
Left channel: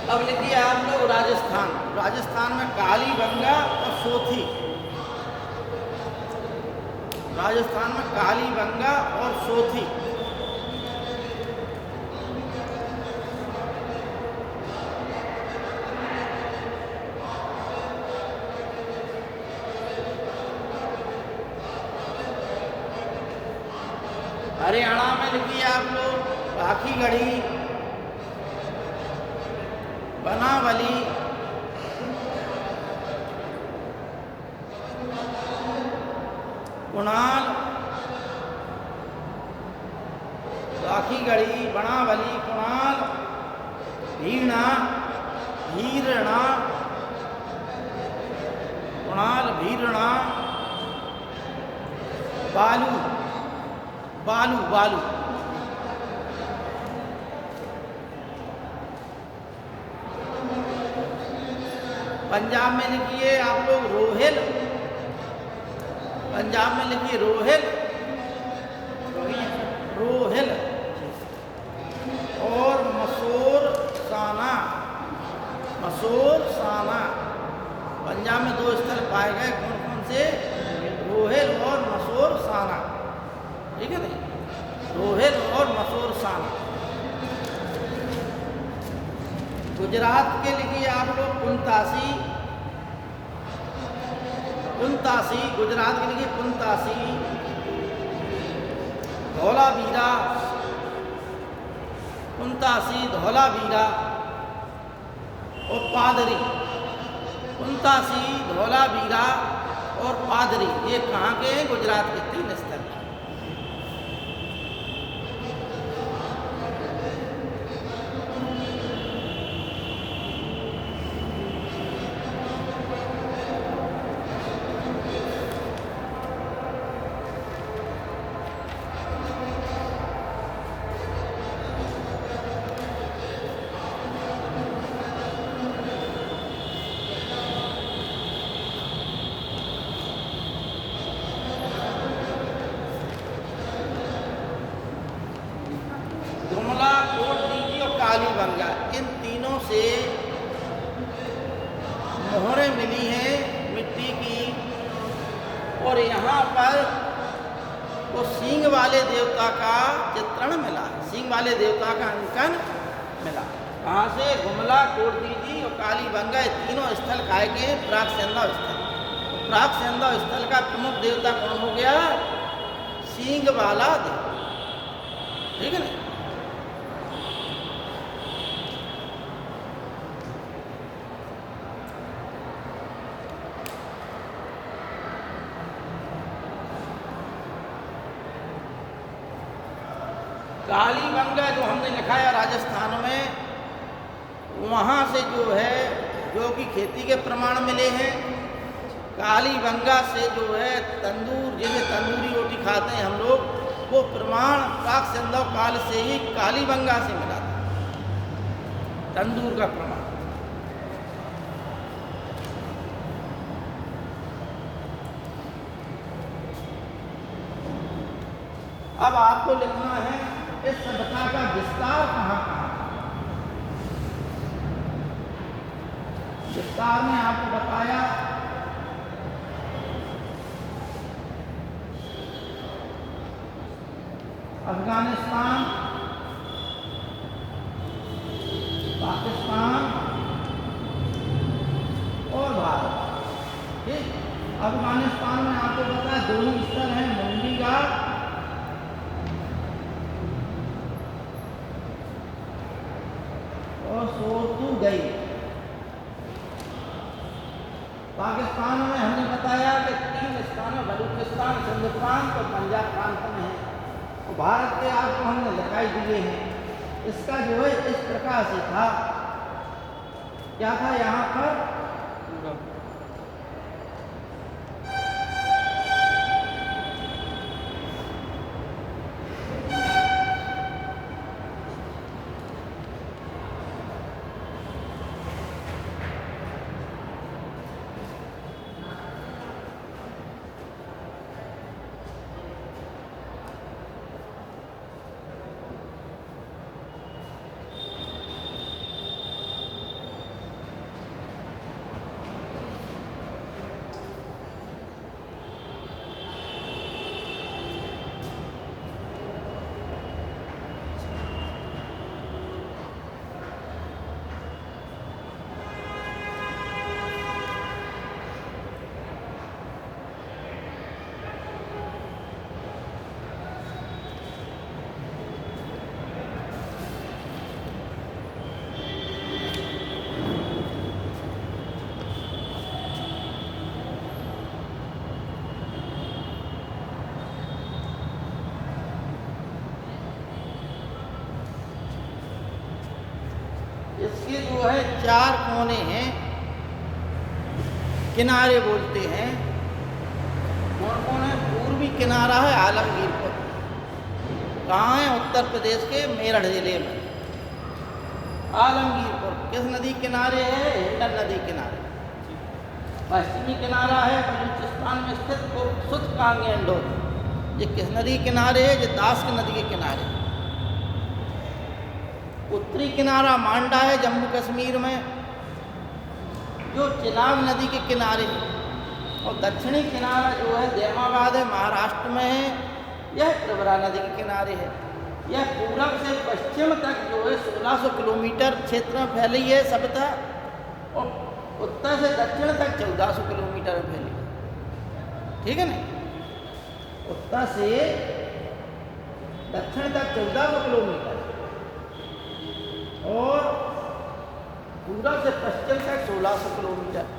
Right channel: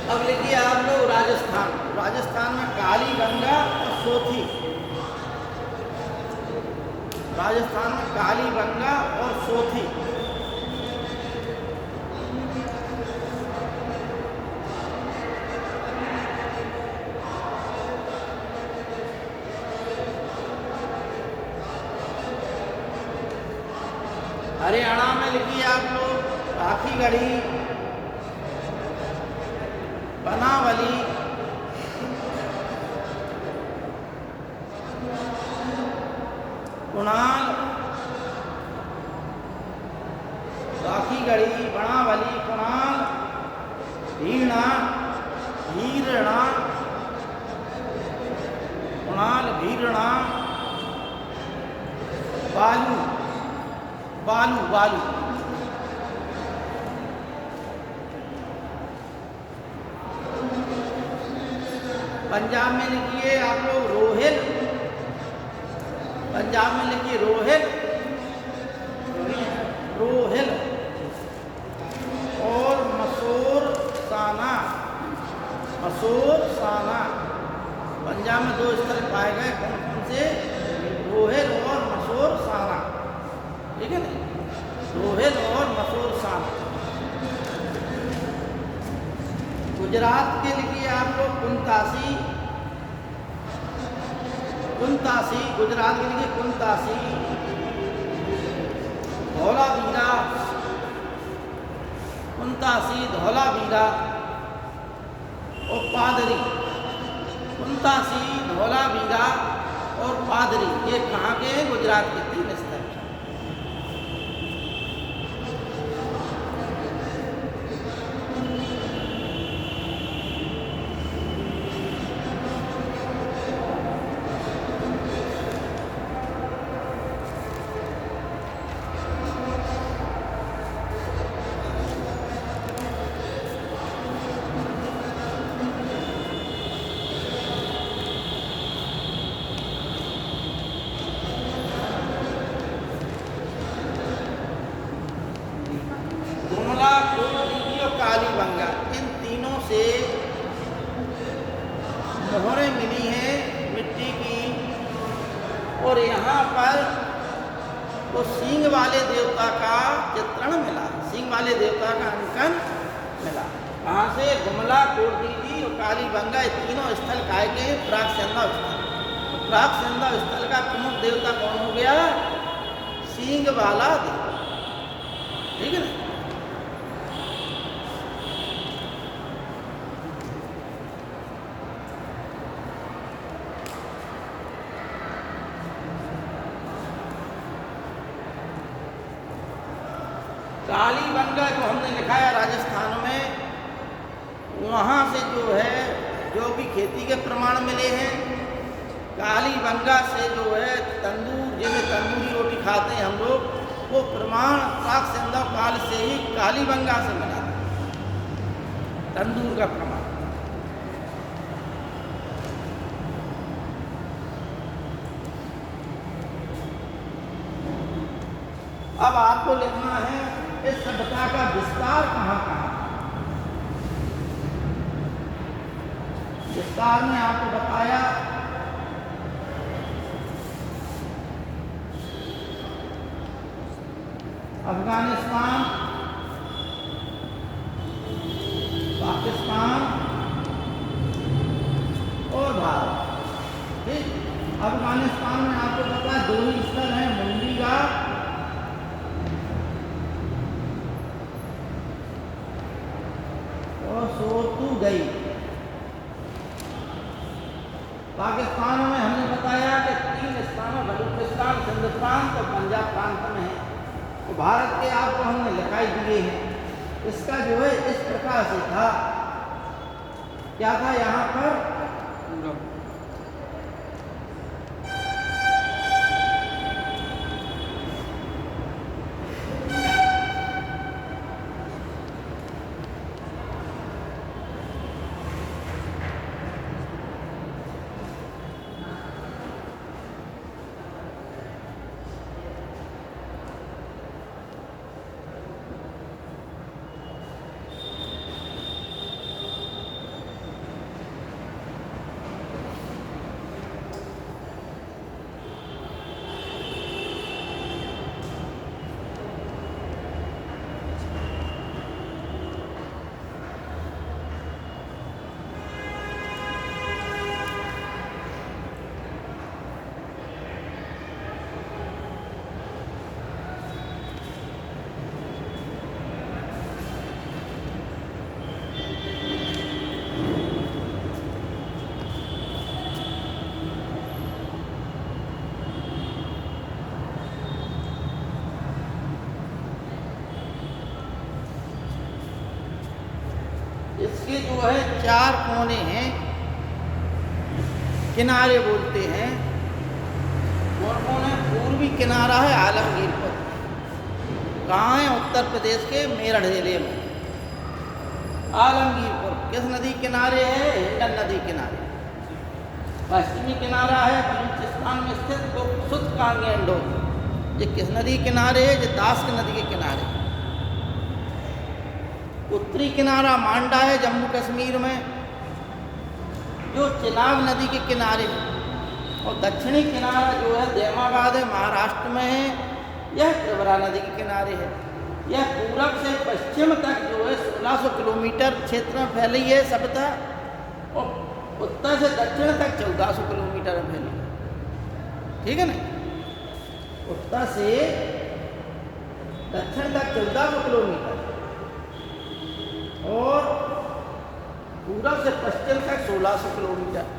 अब लिखिए आप लोग राजस्थान, राजस्थान में कालीबंगा और सोथी, राजस्थान में कालीबंगा और सोथी। हरियाणा में लिखिए आप लोग राखीगढ़ी, बनावली, कुणाल, राखीगढ़ी, बनावली, कुणाल, भीणा, भीरणा, कुणाल, भीरणा, बालू, बालू, बालू, पंजाब में लिखिए आप लोग रोहिल, पंजाब में लिखिए रोहिल, रोहिल और मसूर साना, मसूर साना। पंजाब में दो स्थल पाए गए, कौन कौन से? रोहिल और मसूर साना, ठीक है ना, रोहिल और मसूर साना। गुजरात के लिखिए आप लोग कुंतासी, कुंतासी, गुजरात के लिखिए कुंतासी, धौलावीरा, कुंतासी, धौलावीरा और पादरी, कुंतासी, धौलावीरा और पादरी, ये कहाँ के हैं? गुजरात के 3 स्थल। जुमला, कोटदीजी और कालीबंगा, इन तीनों से मोहरें मिली हैं मिट्टी की, और यहाँ पर वो सींग वाले देवता का चित्रण मिला, सींग वाले देवता का अंकन मिला। कहाँ से? जुमला, कोटदीजी और कालीबंगा, ये तीनों स्थल काय के प्राक संभव स्थल। प्राक संभव स्थल का प्रमुख देवता कौन हो गया? सींग वाला देवता, ठीक है ना। कालीबंगा जो हमने लिखा है राजस्थान में, वहाँ से जो है जो भी खेती के प्रमाण मिले हैं। कालीबंगा से जो है तंदूर, जैसे तंदूरी रोटी खाते हैं हम लोग, वो प्रमाण प्राक संभव काल से ही कालीबंगा से मिला था, तंदूर का प्रमाण। अब आपको लिखना है इस सभ्यता का विस्तार कहाँ कहाँ था। विस्तार में आपको बताया अफगानिस्तान, पाकिस्तान और भारत, ठीक। अफगानिस्तान में आपको बताया 2 ही स्थल हैं, मुंडी घाट और सोतू गई। पाकिस्तान में हमने बताया कि 3 स्थानों बलूचिस्तान, सिंध प्रांत और पंजाब प्रांत में है, और भारत के आपको हमने लिखाई दिए हैं। इसका जो है इस प्रकार से था, क्या था यहाँ पर, पूरा इसके जो है 4 कोने हैं, किनारे बोलते हैं। कौन कौन है? पूर्वी किनारा है आलमगीरपुर, कहाँ है? उत्तर प्रदेश के मेरठ जिले में आलमगीरपुर। किस नदी किनारे है? हिंडन नदी किनारे। पश्चिमी किनारा है बलूचिस्तान में स्थित सुतकांगेंडो, ये किस नदी किनारे है? ये दास्क नदी के किनारे। उत्तरी किनारा मांडा है जम्मू कश्मीर में, जो चिनाब नदी के किनारे है। और दक्षिणी किनारा जो है दैमाबाद है, महाराष्ट्र में है, यह त्रिपुरा नदी के किनारे है। यह पूरब से पश्चिम तक जो है 1600 किलोमीटर क्षेत्र में फैली है सभ्यता, और उत्तर से दक्षिण तक 1400 किलोमीटर में फैली। ठीक है ना? उत्तर से दक्षिण तक 1400 किलोमीटर और पूरब से पश्चिम तक 1600 किलोमीटर।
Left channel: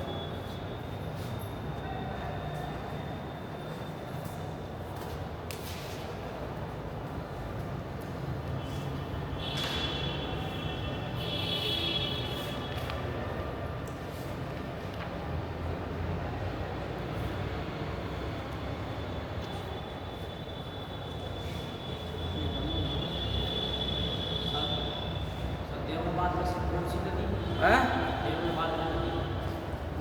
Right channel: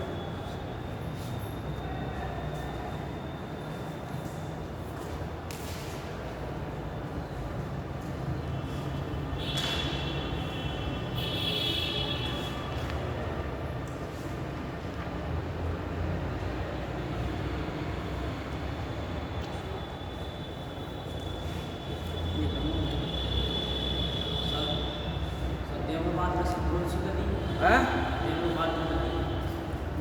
देमाबाद में कौन सी नदी है? हैं? देमाबाद में नदी,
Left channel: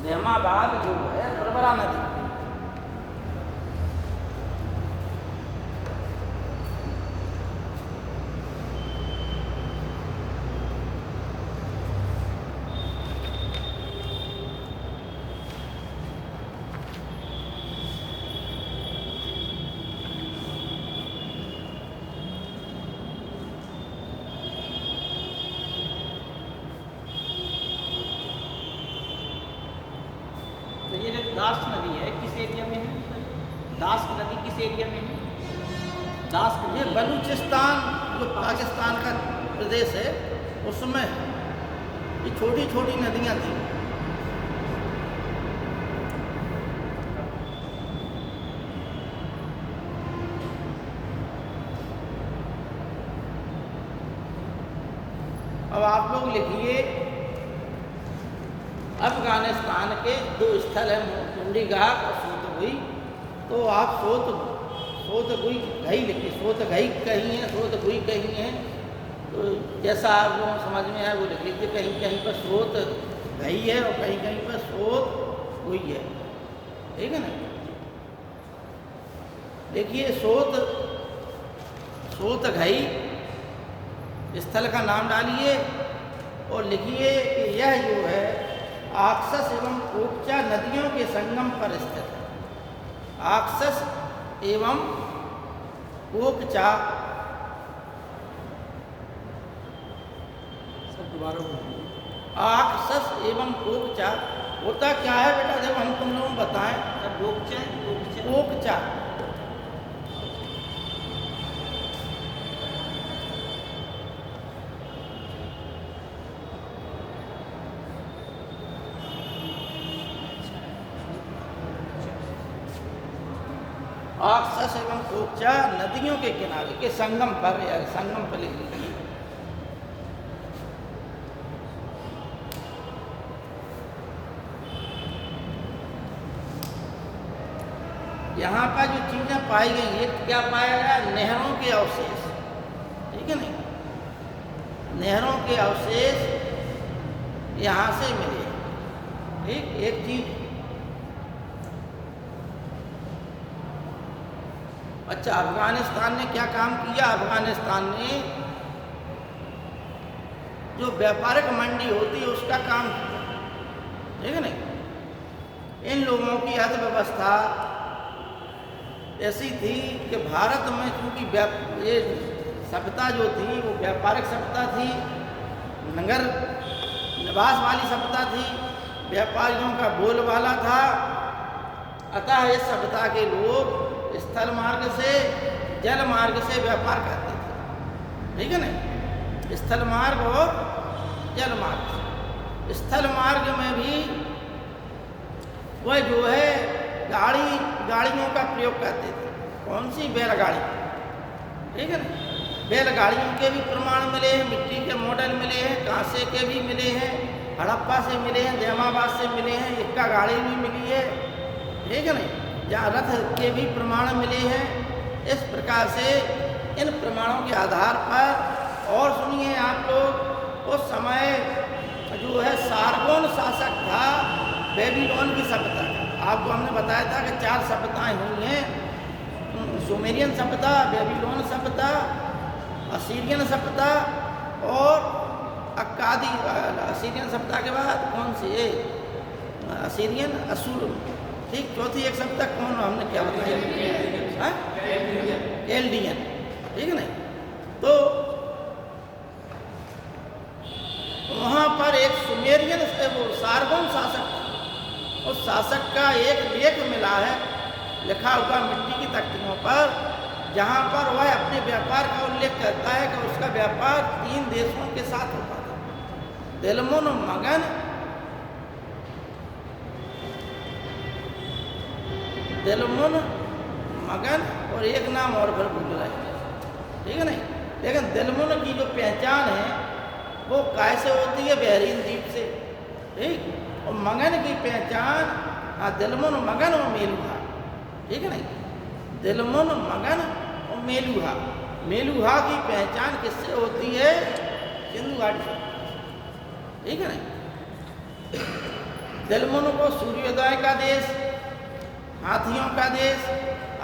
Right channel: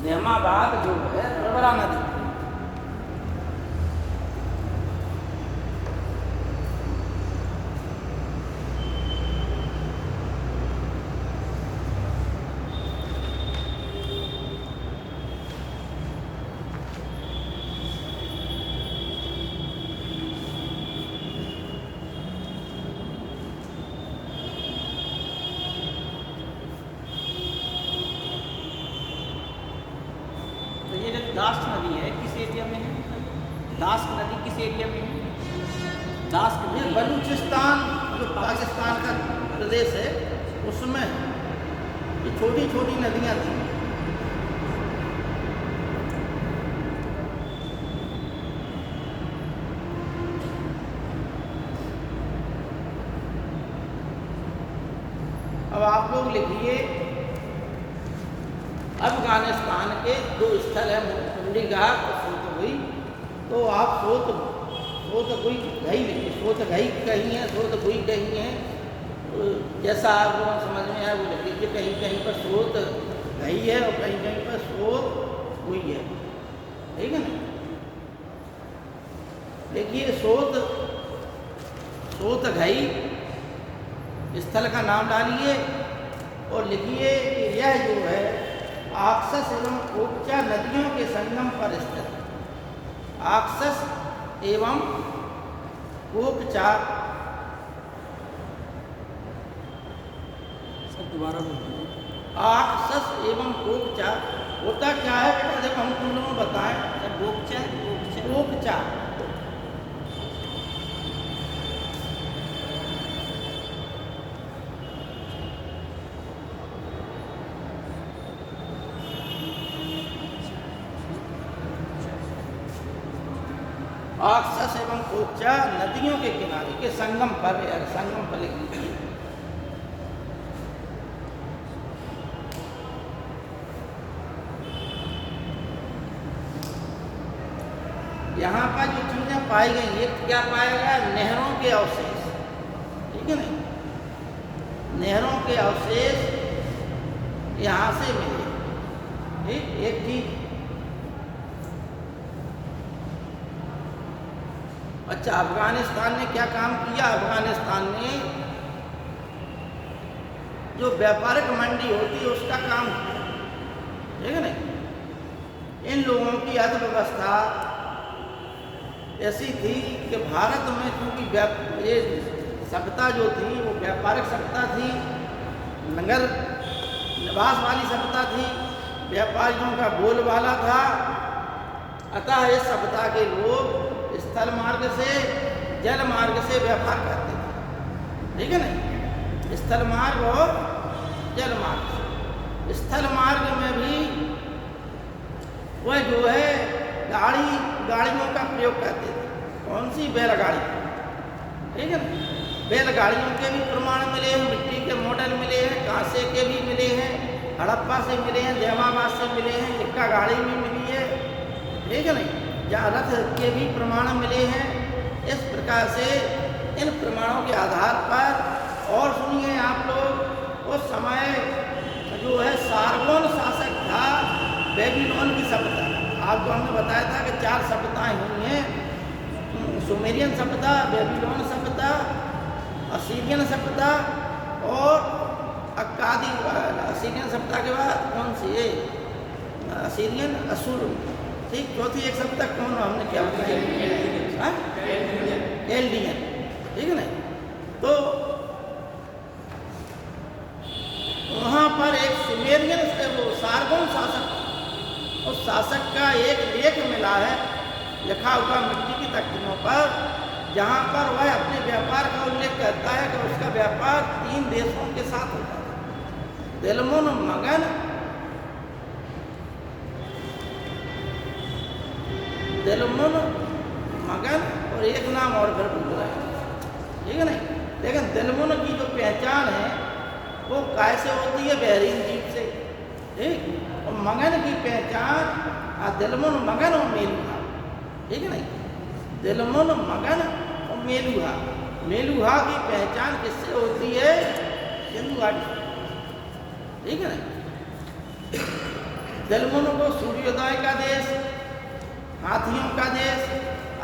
दैमाबाद जो है त्रिपुरा नदी। तो ये जो दास्क नदी है किस एरिया में है? दास्क नदी किस एरिया में है? दास्क ये नदी बलूचिस्तान जो पाकिस्तान का प्रदेश है उसमें ये छोटी छोटी नदियाँ थी। अब आप लोग लिखिए, अफगानिस्तान के 2 स्थल हैं, कुंडीघाट और सोतगुई। तो आप सोतगुई घई लिखिए, सोतगई कहीं है, सोतगुई कहीं है, तो जैसा आप लोग समझ में आए वो लिख लीजिए। कहीं कहीं पर सोत घई है और कहीं कहीं पर सोत हुई है। ठीक है ना? देखिए, सोत घई स्थल का नाम डालिए और लिखिए कि यह जो है आक्सस एवं कोकचा नदियों के संगम पर स्थित है। आक्सस एवं कोकचा, सब दोबारा बोलिए। आक्सस एवं कोकचा होता क्या है बेटा? देखो हम तुम लोगों को बताएं। सर गोकचा है, गोकचा। कोकचा ऑक्सस एवं कोचा नदियों के किनारे के संगम पर या संगम पर लिख लीजिए। यहाँ पर जो चीजें पाई गई ये क्या पाया गया? नहरों के अवशेष, ठीक है नहीं, नहरों के अवशेष यहाँ से मिले। ठीक, एक चीज। अच्छा, अफगानिस्तान ने क्या काम किया? अफगानिस्तान ने जो व्यापारिक मंडी होती है उसका काम किया, ठीक है नहीं। इन लोगों की अर्थव्यवस्था ऐसी थी कि भारत में चूंकि ये सभ्यता जो थी वो व्यापारिक सभ्यता थी, नगर निवास वाली सभ्यता थी, व्यापारियों का बोलबाला था। अतः इस सभ्यता के लोग स्थल मार्ग से जल मार्ग से व्यापार करते थे, ठीक है ना, स्थल मार्ग और जल मार्ग से। स्थल मार्ग में भी वह जो है गाड़ियों का प्रयोग करते थे। कौन सी? बैलगाड़ी, ठीक है ना। बैलगाड़ियों के भी प्रमाण मिले हैं, मिट्टी के मॉडल मिले हैं, कांसे के भी मिले हैं, हड़प्पा से मिले हैं, जैमाबाद से मिले हैं, इक्का गाड़ी भी मिली है, ठीक है ना। जहाँ रथ के भी प्रमाण मिले हैं। इस प्रकार से इन प्रमाणों के आधार पर, और सुनिए आप लोग, उस समय जो है सारगोन शासक था बेबीलोन की सभ्यता। आपको हमने बताया था कि 4 सभ्यताएं हुई हैं, सुमेरियन सभ्यता, बेबीलोन सभ्यता, असीरियन सभ्यता और अक्कादी। असीरियन सभ्यता के बाद कौन सी है? असीरियन, असूर, ठीक। चौथी एक सभ्यता कौन? हमने क्या बताया? एल्डियन, ठीक है ना। तो वहाँ पर एक सुमेरियन वो सारगोन शासक, उस शासक का एक लेख मिला है लिखा हुआ मिट्टी की तख्तियों पर, जहाँ पर वह अपने व्यापार का उल्लेख करता है कि उसका व्यापार 3 देशों के साथ होता है, दिलमुन, मगन, दिलमुन, मगन और एक नाम और फिर भूल रहा है, ठीक है नहीं। लेकिन दिलमुन की जो पहचान है वो कैसे होती है? बहरीन द्वीप से, ठीक। और मगन की पहचान दिलमुन, मगन और मेलुहा, ठीक है नहीं। दिलमुन, मगन और मेलुहा। मेलुहा की पहचान किससे होती है? सिंधु घाटी से, ठीक है नहीं। दिलमुन को सूर्योदय का देश, हाथियों का देश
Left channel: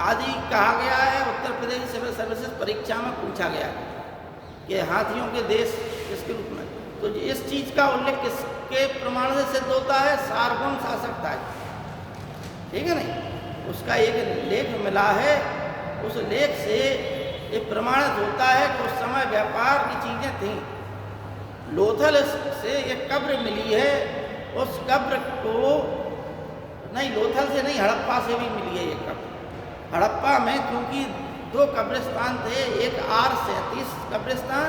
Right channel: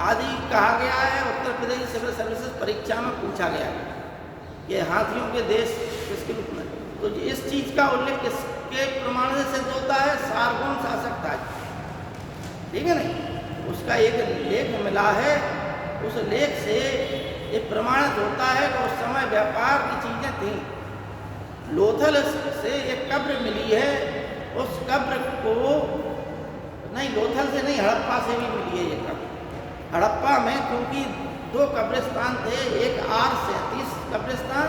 आदि कहा गया है। उत्तर प्रदेश सिविल सर्विसेज परीक्षा में पूछा गया कि हाथियों के देश किसके रूप में। तो इस चीज का उल्लेख किसके प्रमाण से सिद्ध होता है? सारगोन शासक था, ठीक है नहीं। उसका एक लेख मिला है, उस लेख से ये प्रमाणित होता है कि उस समय व्यापार की चीजें थी। लोथल से एक कब्र मिली है, उस कब्र को नहीं, लोथल से नहीं, हड़प्पा से भी मिली है ये कब्र। हड़प्पा में क्योंकि 2 कब्रिस्तान थे, एक R37 कब्रिस्तान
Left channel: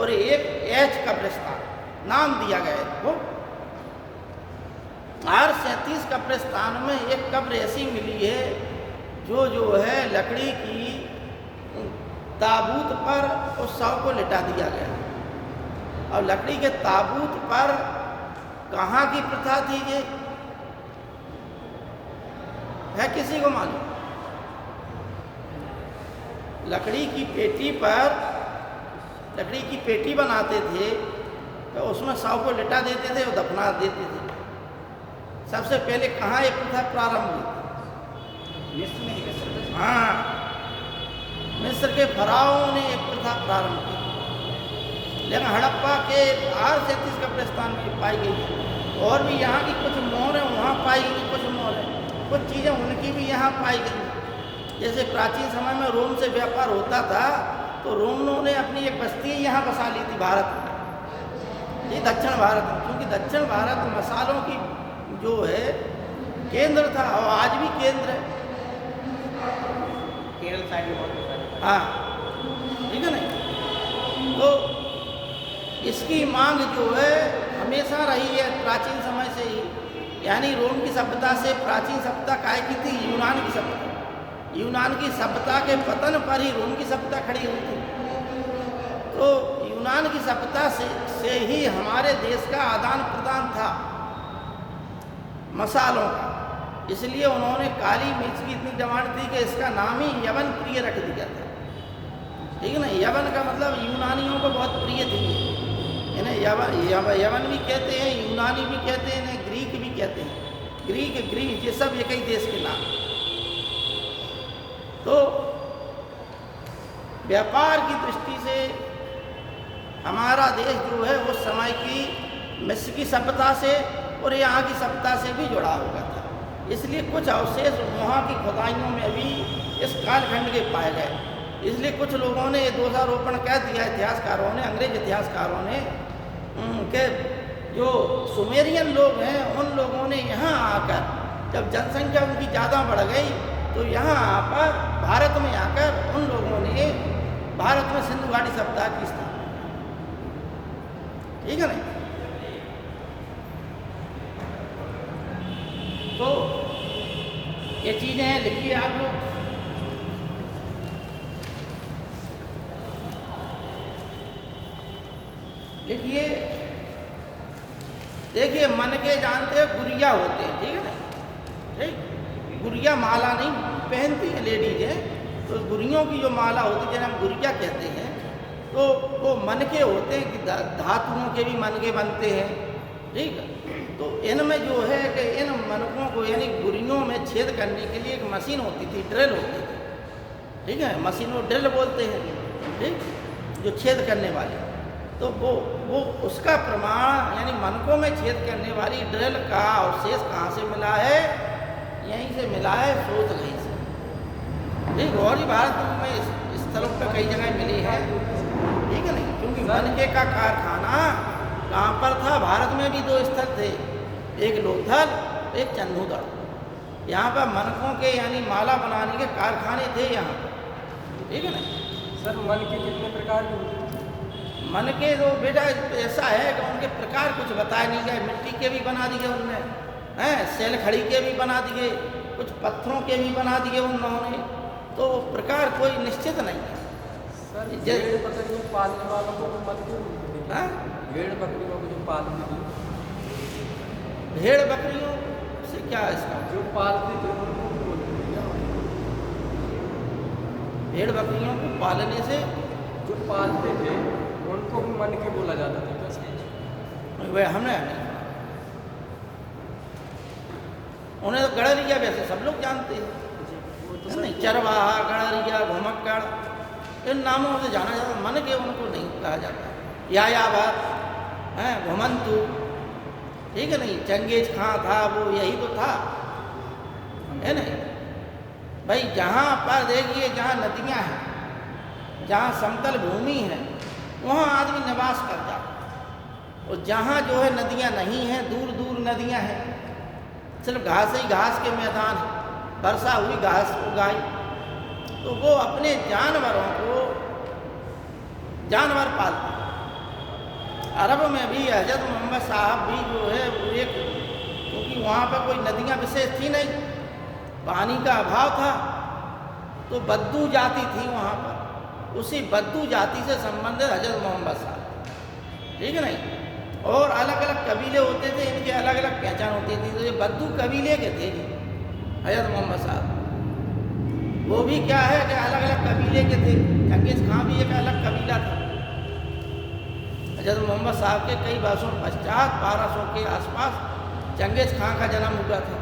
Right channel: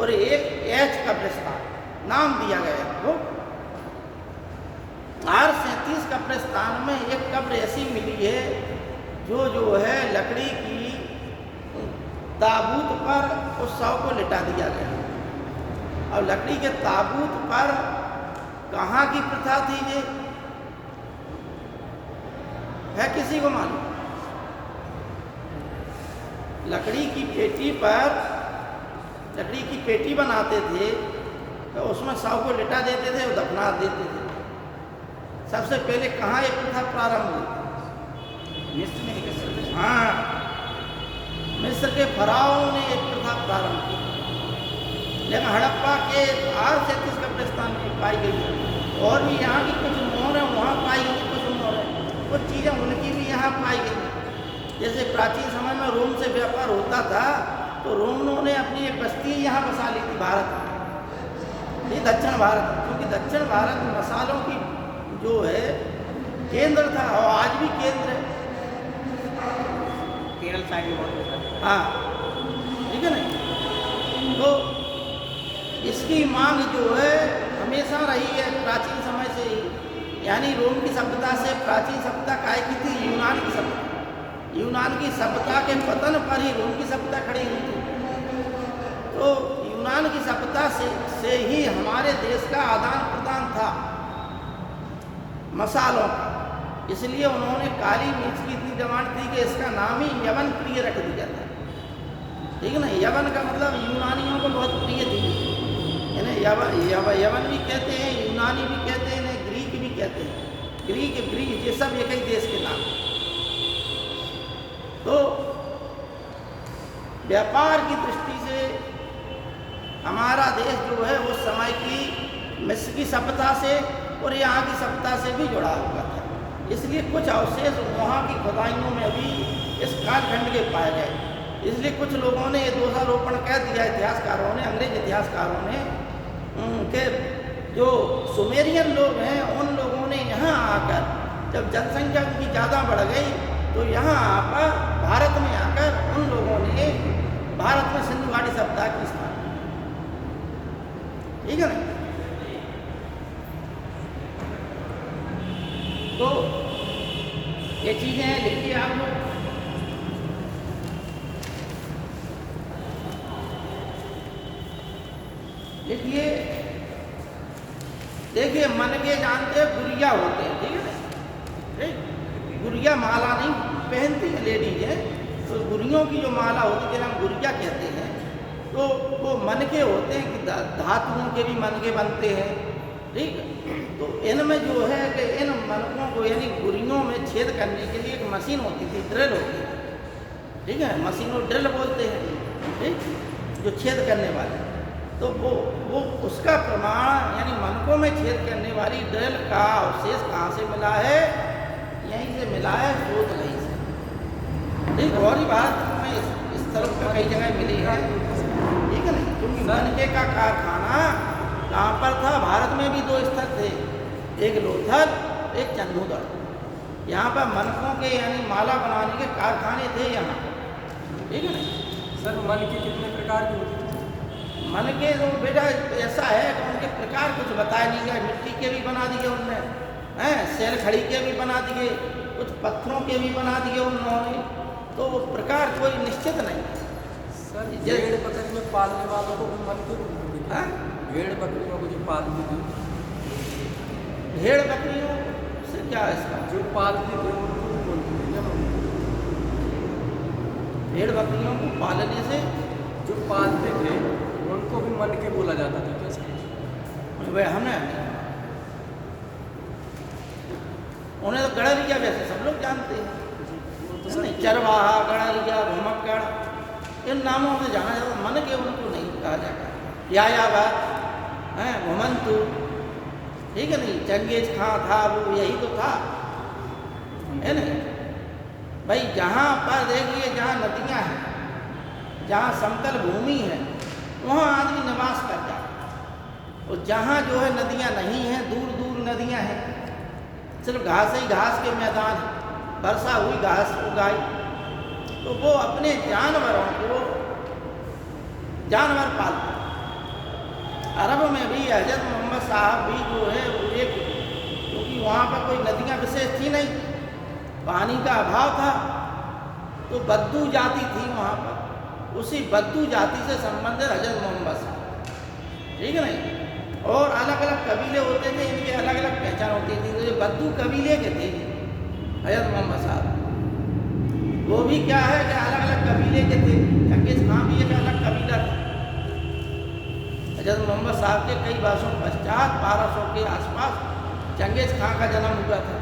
और एक H कब्रिस्तान, नाम दिया गया है वो। R37 कब्रिस्तान में एक कब्र ऐसी मिली है जो है लकड़ी की ताबूत पर उस शव को लिटा दिया गया। और लकड़ी के ताबूत पर कहाँ की प्रथा थी ये है किसी को मालूम? लकड़ी की पेटी पर, लकड़ी की पेटी बनाते थे तो उसमें शव को लिटा देते थे और दफना देते थे। सबसे पहले कहाँ एक प्रथा प्रारंभ हुई? मिस्र में एक। हाँ, मिस्र के फराओं ने एक प्रथा प्रारंभ की। लेकिन हड़प्पा के R37 कब्रिस्तान में पाई गई, और भी यहाँ की कुछ मोहरें वहाँ पाई गई, कुछ मोहरें, कुछ चीज़ें उनकी भी यहाँ पाई गई। जैसे प्राचीन समय में रोम से व्यापार होता था तो रोमियों ने अपनी एक बस्ती यहाँ बसा ली थी भारत में, ये दक्षिण भारत, क्योंकि दक्षिण भारत मसालों की जो है केंद्र था और आज भी केंद्र है। केरल साइड में बहुत मसाले हैं। हाँ, ठीक है ना। तो इसकी मांग जो है हमेशा रही है प्राचीन समय से ही, यानी रोम की सभ्यता से प्राचीन सभ्यता काय की थी? यूनान की सभ्यता, यूनान की सभ्यता के पतन पर ही रोम की सभ्यता खड़ी हुई थी। तो यूनान की सभ्यता से ही हमारे देश का आदान प्रदान था मसालों का। इसलिए उन्होंने काली मिर्च की इतनी डिमांड थी कि इसका नाम ही यवन प्रिय रख दिया था। ठीक है ना, यवन का मतलब यूनानियों को बहुत प्रिय थी। इन्हें यवन भी कहते हैं, यूनानी भी कहते हैं, इन्हें ग्रीक भी कहते हैं। ग्रीक ये सब एक ही देश के नाम। तो व्यापार की दृष्टि से हमारा देश जो है वो समय की मिस्र की सभ्यता से और यहाँ की सभ्यता से भी जुड़ा हुआ था। इसलिए कुछ अवशेष वहाँ की खुदाइयों में भी इस कालखंड के पाए गए। इसलिए कुछ लोगों ने दोषारोपण कह दिया, इतिहासकारों ने, अंग्रेज इतिहासकारों ने, कि जो सुमेरियन लोग हैं उन लोगों ने यहाँ आकर जब जनसंख्या उनकी ज़्यादा बढ़ गई तो यहाँ आकर भारत में आकर उन लोगों ने भारत में सिंधु घाटी सभ्यता की स्थापना। ठीक है ना। तो ये चीज़ें हैं, लिखिए आप लोग। लिखिए, देखिए मन के जानते हैं गुड़िया होते हैं। ठीक है ना, ठीक, गुड़िया माला नहीं पहनती है लेडीज है, तो गुड़ियों की जो माला होती है जिन्हें हम गुड़िया कहते हैं, तो वो मन के होते हैं कि धातुओं के भी मन के बनते हैं। ठीक, तो इनमें जो है कि इन मनकों को यानी गुड़ियों में छेद करने के लिए एक मशीन होती थी, ड्रिल होती थी। ठीक है, मशीन को ड्रिल बोलते हैं। ठीक, जो छेद करने वाली, तो वो उसका प्रमाण यानी मनकों में छेद करने वाली ड्रिल का अवशेष कहाँ से मिला है? यहीं से मिला है, सोच गई से। ठीक, गौरी भारत में इस तरफ का कई जगह मिली है। ठीक है नहीं, क्योंकि मनके का कारखाना कहाँ पर था? भारत में भी दो स्थल थे, एक लोथल, एक चंदूगढ़। यहाँ पर मनकों के यानी माला बनाने के कारखाने थे यहाँ। ठीक है ना सर, मन के कितने प्रकार के होते हैं? मन के तो बेटा ऐसा है कि उनके प्रकार कुछ बताया नहीं गया। मिट्टी के भी बना दिए उनने, हैं, सेल खड़ी के भी बना दिए, कुछ पत्थरों के भी बना दिए उन्होंने। तो प्रकार कोई निश्चित नहीं है। सर, भेड़ बकरी में पालने वालों को मन के बोलते हैं। भेड़ बकरियों को जो पालती थी, भेड़ बकरियों से क्या है इसका? जो पालती थी उनको भी बोलते थे। भेड़ बकरियों को पालने से जो पालते थे उनको भी मन के बोला जाता था। क्या समझ? वह हमें उन्हें तो गणरिया वैसे सब लोग जानते हैं। वो तो नहीं, चरवाहा, गणरिया, घुमक्कड़, इन नामों से जाना जाता। मन के उनको नहीं कहा जाता। यायावर हैं, घुमंतु, ठीक है नहीं, चंगेज खां था, वो यही तो था, है नहीं भाई। जहाँ पर देखिए जहाँ नदियाँ हैं, जहाँ समतल भूमि है, वहाँ आदमी निवास करता है। और जहाँ जो है नदियाँ नहीं हैं, दूर दूर नदियाँ हैं, सिर्फ घास ही घास के मैदान, वर्षा हुई घास उगाई, तो वो अपने जानवरों को जानवर पालते। अरब में भी हजरत मोहम्मद साहब भी जो है वो एक, क्योंकि वहाँ पर कोई नदियाँ विशेष थी नहीं, पानी का अभाव था, तो बद्दू जाति थी वहाँ पर। उसी बद्दू जाति से संबंधित हजरत मोहम्मद साहब। ठीक है नहीं, और अलग अलग कबीले होते थे, इनके अलग अलग पहचान होती थी। तो ये बद्दू कबीले के थे हजरत मोहम्मद साहब। वो भी क्या है कि अलग अलग कबीले के थे। चंगेज खां भी एक अलग कबीला था। हजरत मोहम्मद साहब के कई वर्षों पश्चात 1200 के आसपास चंगेज खां का जन्म हुआ था।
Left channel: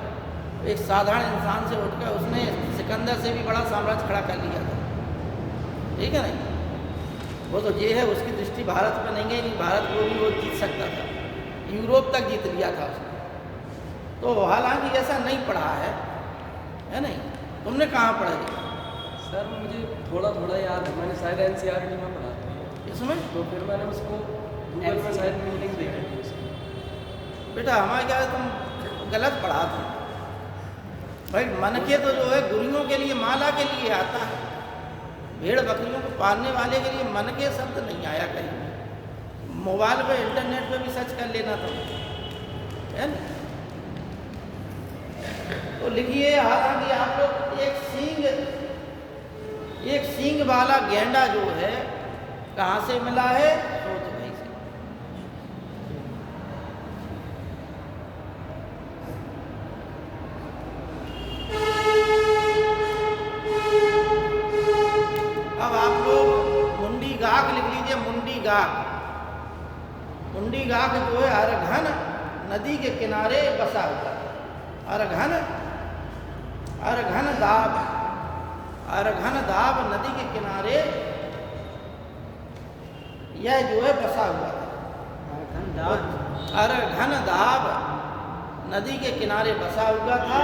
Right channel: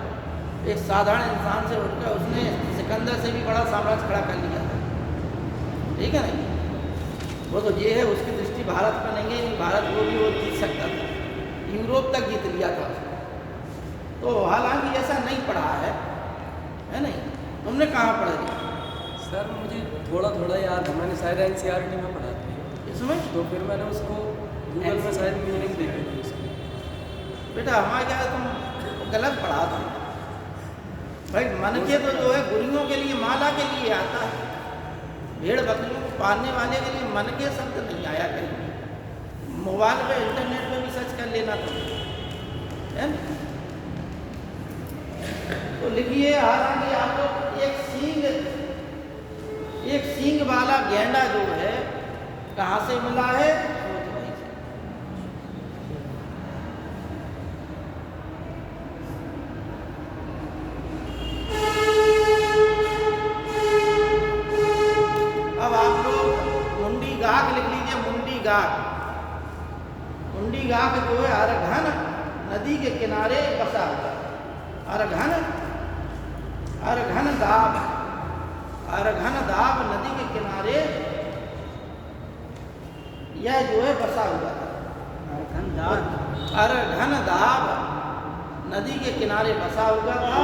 एक साधारण इंसान से उठकर उसने सिकंदर से भी बड़ा साम्राज्य खड़ा कर लिया था। ठीक है नहीं, वो तो ये है, उसकी दृष्टि भारत में नहीं है, नहीं भारत वो भी वो जीत सकता था, यूरोप तक जीत लिया था उसने। तो हालांकि ऐसा नहीं पढ़ा है नहीं। तुमने कहाँ पढ़ा है? सर, मुझे थोड़ा थोड़ा याद है, मैंने शायद NCERT में पढ़ा था इसमें, तो फिर मैंने उसको गूगल में शायद मीनिंग देखी थी। बेटा हमारे क्या तुम गलत पढ़ा थे भाई। मन के तो जो है गुड़ियों के लिए, माला के लिए आता है। भेड़ बकरियों को पालने वाले के लिए मन के शब्द नहीं आया कहीं। मोबाइल पे इंटरनेट पे भी सर्च कर लेना था, है ना। तो लिखिए, हालांकि आप लोग एक सींग एक सींग वाला गेंडा जो है कहाँ से मिला है? सोच भाई से। अब आप लोग मुंडी गाक लिख लीजिए, मुंडी गाक। मुंडी गाक जो है अरघन नदी के किनारे बसा हुआ। अरघन, अरघन दाब, अरघन दाब नदी के किनारे यह जो है बसा हुआ था। अरघन दाब नदी के किनारे बसा हुआ था।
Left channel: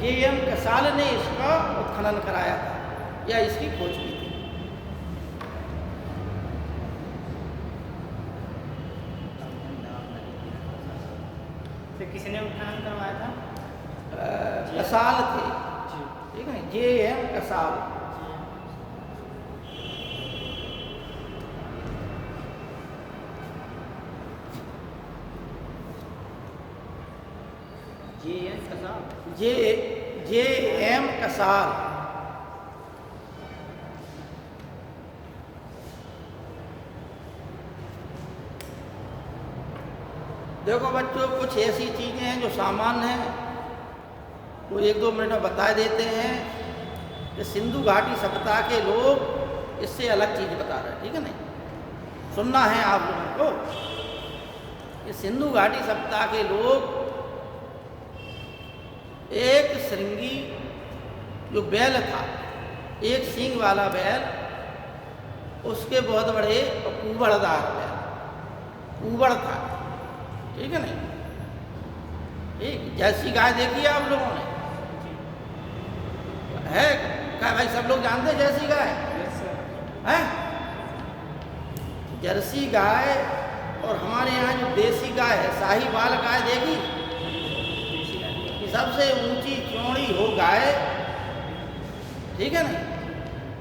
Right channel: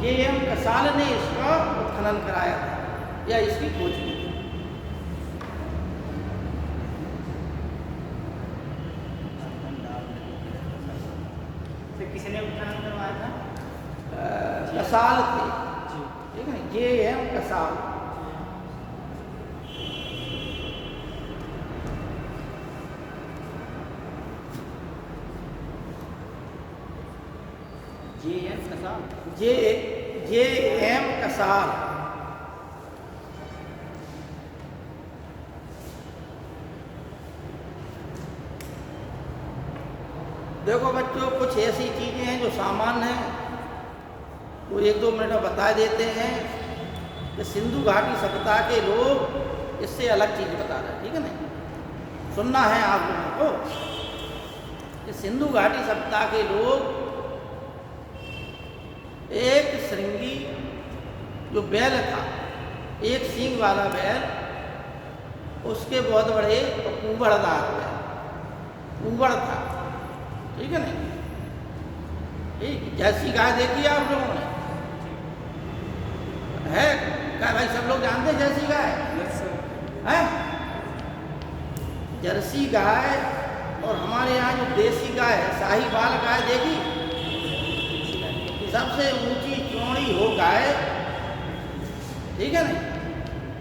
जे.एम. कसाल ने इसका उत्खनन कराया था या इसकी खोज की थी। किसने उत्खनन करवाया था? कसाल थे, ठीक है, J.M.. Kasal. J.M.. Kasal. J.M.. Kasal. देखो बच्चों, कुछ ऐसी चीजें हैं जो सामान्य हैं, वो 1-2 मिनट में बता देते हैं कि सिंधु घाटी सभ्यता के लोग इससे अलग चीज बता रहे हैं, ठीक है ना? सुनना है आप लोगों को कि सिंधु घाटी सभ्यता के लोग एक श्रृंगी जो बैल था, एक सींग वाला बैल, उसके बहुत बड़े ऊबड़दार बैल, ऊबड़ था, ठीक है ना? ठीक, जर्सी गाय देखी आप लोगों ने? है क्या भाई, सब लोग जानते हैं जर्सी गाय? है जर्सी गाय। और हमारे यहाँ जो देसी गाय है, साहीवाल गाय देखी? सबसे ऊंची चौड़ी हो गाय, ठीक है ना?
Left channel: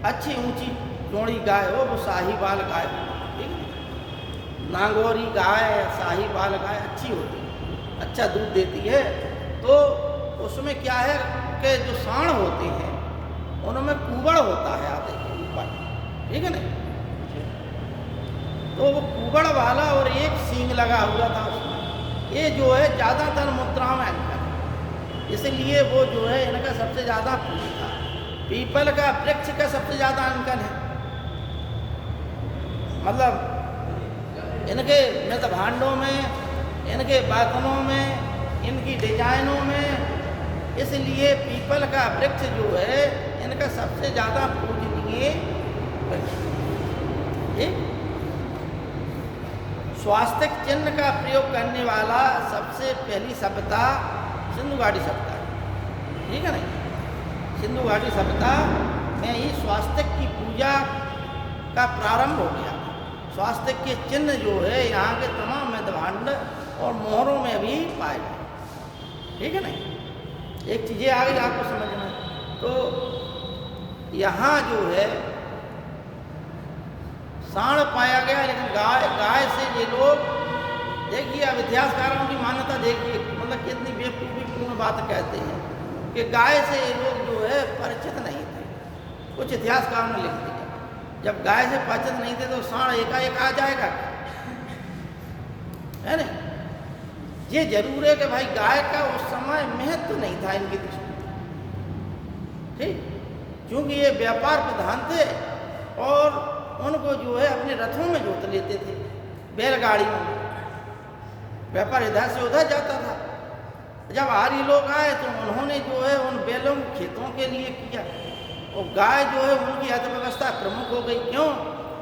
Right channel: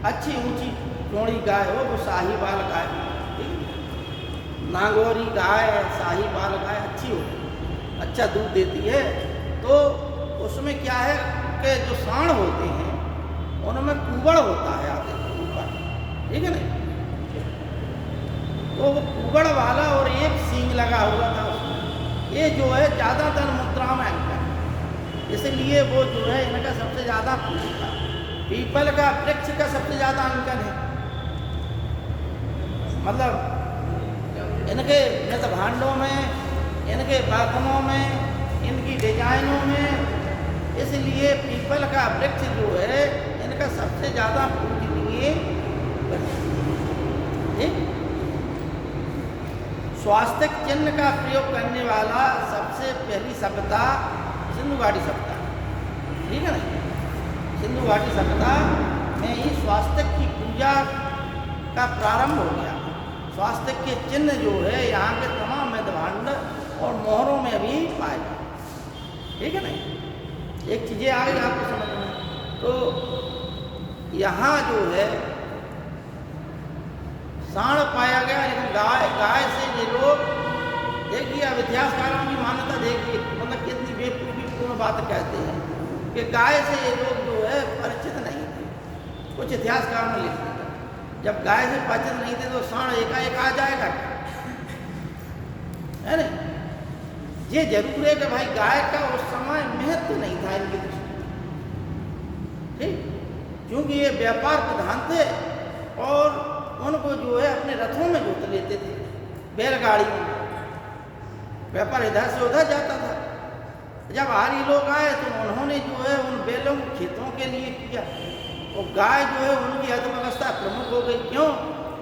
अच्छी ऊंची चौड़ी गाय हो वो साहीवाल गाय, ठीक है? नागौरी गाय, साहीवाल गाय अच्छी होती है, अच्छा दूध देती है। तो उसमें क्या है कि जो सांड होते हैं उनमें कुबड़ होता है आगे ऊपर, ठीक है ना? तो वो कुबड़ वाला और एक सींग लगा हुआ था उसमें। ये जो है ज़्यादातर मुद्राओं में अंकन, इसलिए वो जो है इनका सबसे ज़्यादा पूजी था। पीपल का वृक्ष का सबसे ज़्यादा अंकन है, मतलब इनके नत भांडों में, इनके बर्तनों में, इनकी डिजाइनों में। इसलिए पीपल का वृक्ष जो है इनका सबसे ज़्यादा पूजनीय। स्वास्तिक चिन्ह का प्रयोग करने वाला सबसे पहली सभ्यता सिंधु घाटी सभ्यता, ठीक है ना? सिंधु घाटी सभ्यता में ही स्वास्तिक की पूजा का प्रारंभ हो गया। स्वास्तिक के चिन्ह जो है यहाँ के तमाम मध्यभांड और मोहरों में भी पाए गए, ठीक है ना? एक चीज़ें आ गई आपको समझ में। तो यहाँ जो है सांड पाया गया, लेकिन गाय से ये लोग, देखिए अब इतिहासकारों की मान्यता देखिए, मतलब कितनी बेवकूफ़ीपूर्ण बात कहते हैं कि गाय से ये लोग जो है परिचित नहीं थे। कुछ इतिहासकार ने लिख दिया, जब गाय से परिचित नहीं थे तो सांड एकाएक आ जाएगा, है ना? ये जरूर है कि भाई गाय का उस समय महत्व नहीं था इनकी दृष्टि, ठीक? क्योंकि ये व्यापार प्रधान थे और उनको जो है अपने रथों में जोत लेते थे, बैलगाड़ियों में। व्यापार इधर से उधर जाता था। जब आर्य लोग आए तो उन्होंने जो है उन बैलों को खेतों के लिए किया, और गाय जो है उनकी अर्थव्यवस्था प्रमुख हो गई। क्यों?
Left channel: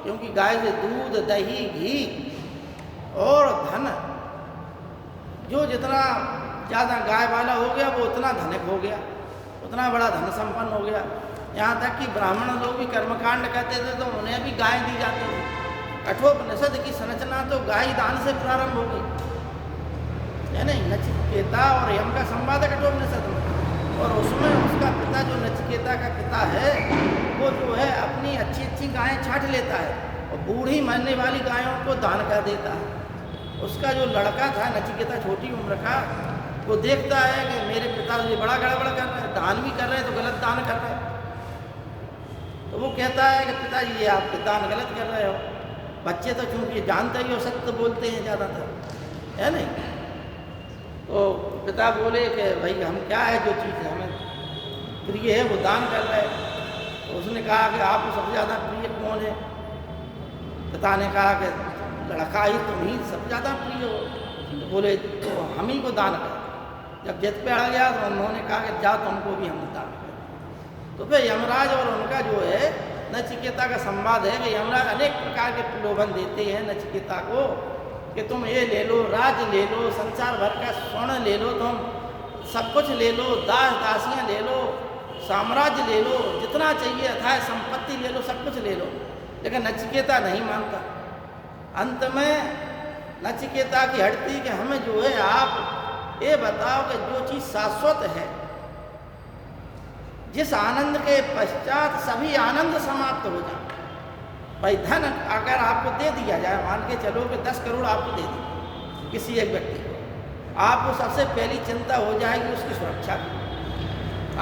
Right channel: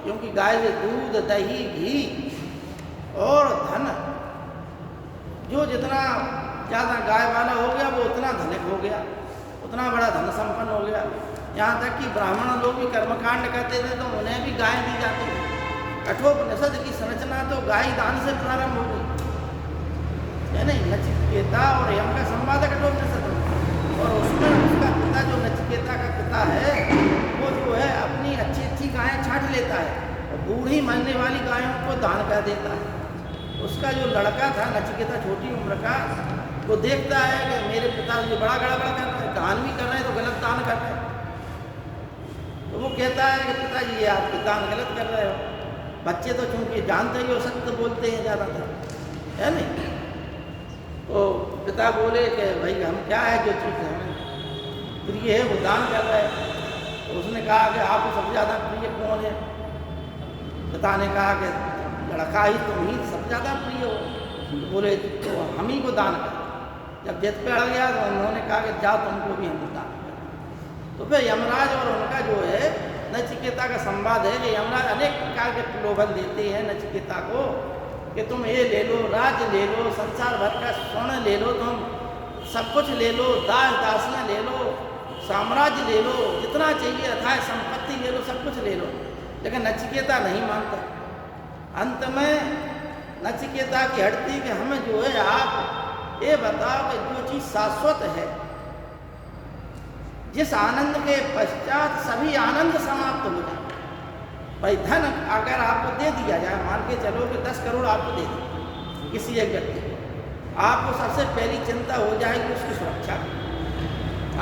क्योंकि गाय से दूध, दही, घी और धन, जो जितना ज़्यादा गाय वाला हो गया वो उतना धनिक हो गया, उतना बड़ा धन संपन्न हो गया। यहाँ तक कि ब्राह्मण लोग भी कर्मकांड करते थे तो उन्हें भी गाय दी जाती थी। कठोपनिषद की संरचना तो गाय दान से प्रारंभ हो गई, है ना? नचिकेता और यम का संवाद है कठोपनिषद में, और उसमें उसका पिता जो नचिकेता का पिता है वो जो है अपनी अच्छी अच्छी गायें छांट लेता है और बूढ़ी मरने वाली गायों को दान कर देता है। उसका जो लड़का था नचिकेता, छोटी उम्र का, वो देखता है कि मेरे पिता जो बड़ा गड़बड़ करता है, दान भी कर रहे हैं तो गलत दान कर रहे हैं, नचिकेता जी आप दान गलत कर रहे हो। बच्चे तो चूंकि जानते ही हो, सत्य बोलते हैं ज़्यादातर, है नहीं। तो पिता बोले कि भाई हम क्या है, जो चीज़ हमें प्रिय है वो दान कर रहे हैं। तो उसने कहा कि आपको सबसे ज़्यादा प्रिय कौन है? पिता ने कहा कि लड़का ही, तुम ही सबसे ज़्यादा प्रिय हो। बोले तो हम ही को दान कर। जब जिद पे आ गया तो उन्होंने कहा कि जा तुमको भी हम दान करें। तो फिर यमराज और उनका जो है नचिकेता का संवाद है कि यमराज अनेक प्रकार के प्रलोभन देते हैं नचिकेता को कि तुम ये ले लो, राज ले लो, संसार भर का स्वर्ण ले लो, तुम सब कुछ ले लो, दास दासियाँ ले लो, साम्राज्य ले लो, जितना चाहिए अथाह संपत्ति ले लो, सब कुछ ले लो। लेकिन नचिकेता नहीं मानता। अंत में नचिकेता की हटती कि हमें जो है आप ये बताओ कि जो चीज़ शाश्वत है, जिस आनंद के पश्चात सभी आनंद समाप्त हो जाए। भाई धन अगर आपको दे दिया जाए, मान के चलो कि 10 करोड़ आपको दे दिए किसी एक व्यक्ति को, आपको सबसे पहली चिंता हो जाएगी उसकी सुरक्षा की।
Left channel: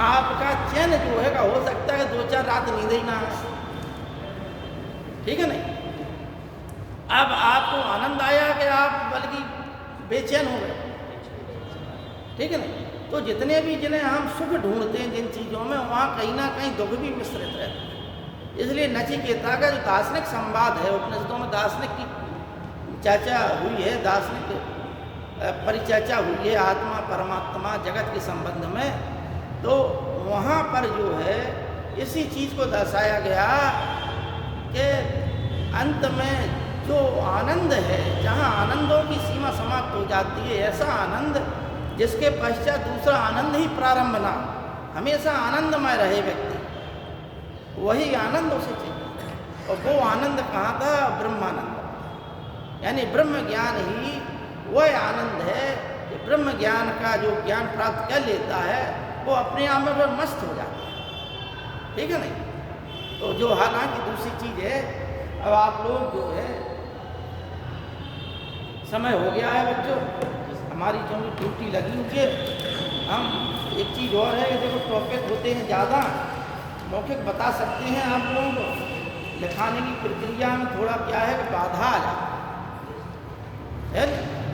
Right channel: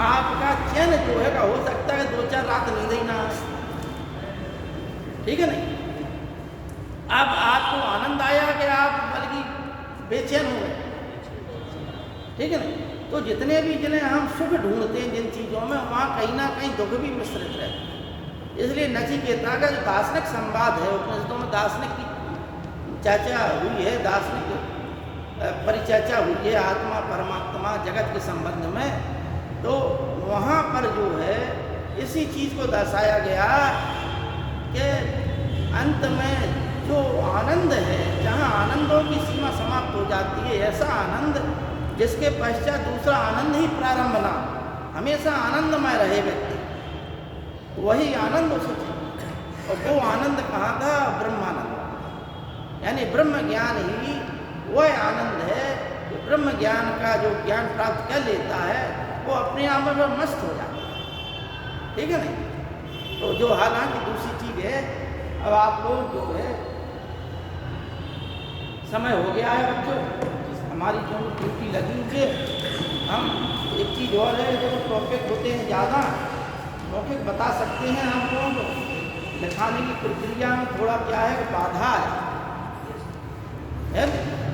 आपका चैन जो है हो सकता है 2-4 रात नींद ही ना आए, ठीक है नहीं। अब आपको आनंद आया कि आप बल्कि बेचैन हो गए, ठीक है ना। तो जितने भी जिन्हें हम सुख ढूंढते हैं जिन चीज़ों में, वहाँ कहीं ना कहीं दुख भी मिश्रित है। इसलिए नचिकेता का जो दार्शनिक संवाद है, उपनिषदों में दार्शनिक की चर्चा हुई है, दार्शनिक परिचर्चा हुई है आत्मा परमात्मा जगत के संबंध में। तो वहाँ पर जो है इसी चीज़ को दर्शाया गया कि अंत में जो आनंद है, जहाँ आनंदों की सीमा समाप्त हो जाती है, ऐसा आनंद जिसके पश्चात दूसरा आनंद ही प्रारंभ ना, हमेशा आनंदमय रहे व्यक्ति, वही आनंद उसे चाहिए। और वो आनंद कहाँ था? ब्रह्मानंद, यानी ब्रह्म ज्ञान ही वह आनंद है कि ब्रह्म ज्ञान का जो ज्ञान प्राप्त कर लेता है वो अपने आप में वो मस्त हो जाता है, ठीक है नहीं। तो जो हालांकि दूसरी चीज़ है, अब आप लोग जो है समय हो गया है बच्चों, हमारी जो ड्यूटी लगी हुई है। हम एक चीज़ और है, देखो टॉपिक होते हैं ज़्यादा, मौखिक बता सकते हैं हम लोगों को, लिखाने की प्रक्रिया में थोड़ा क्या है बाधा है ना।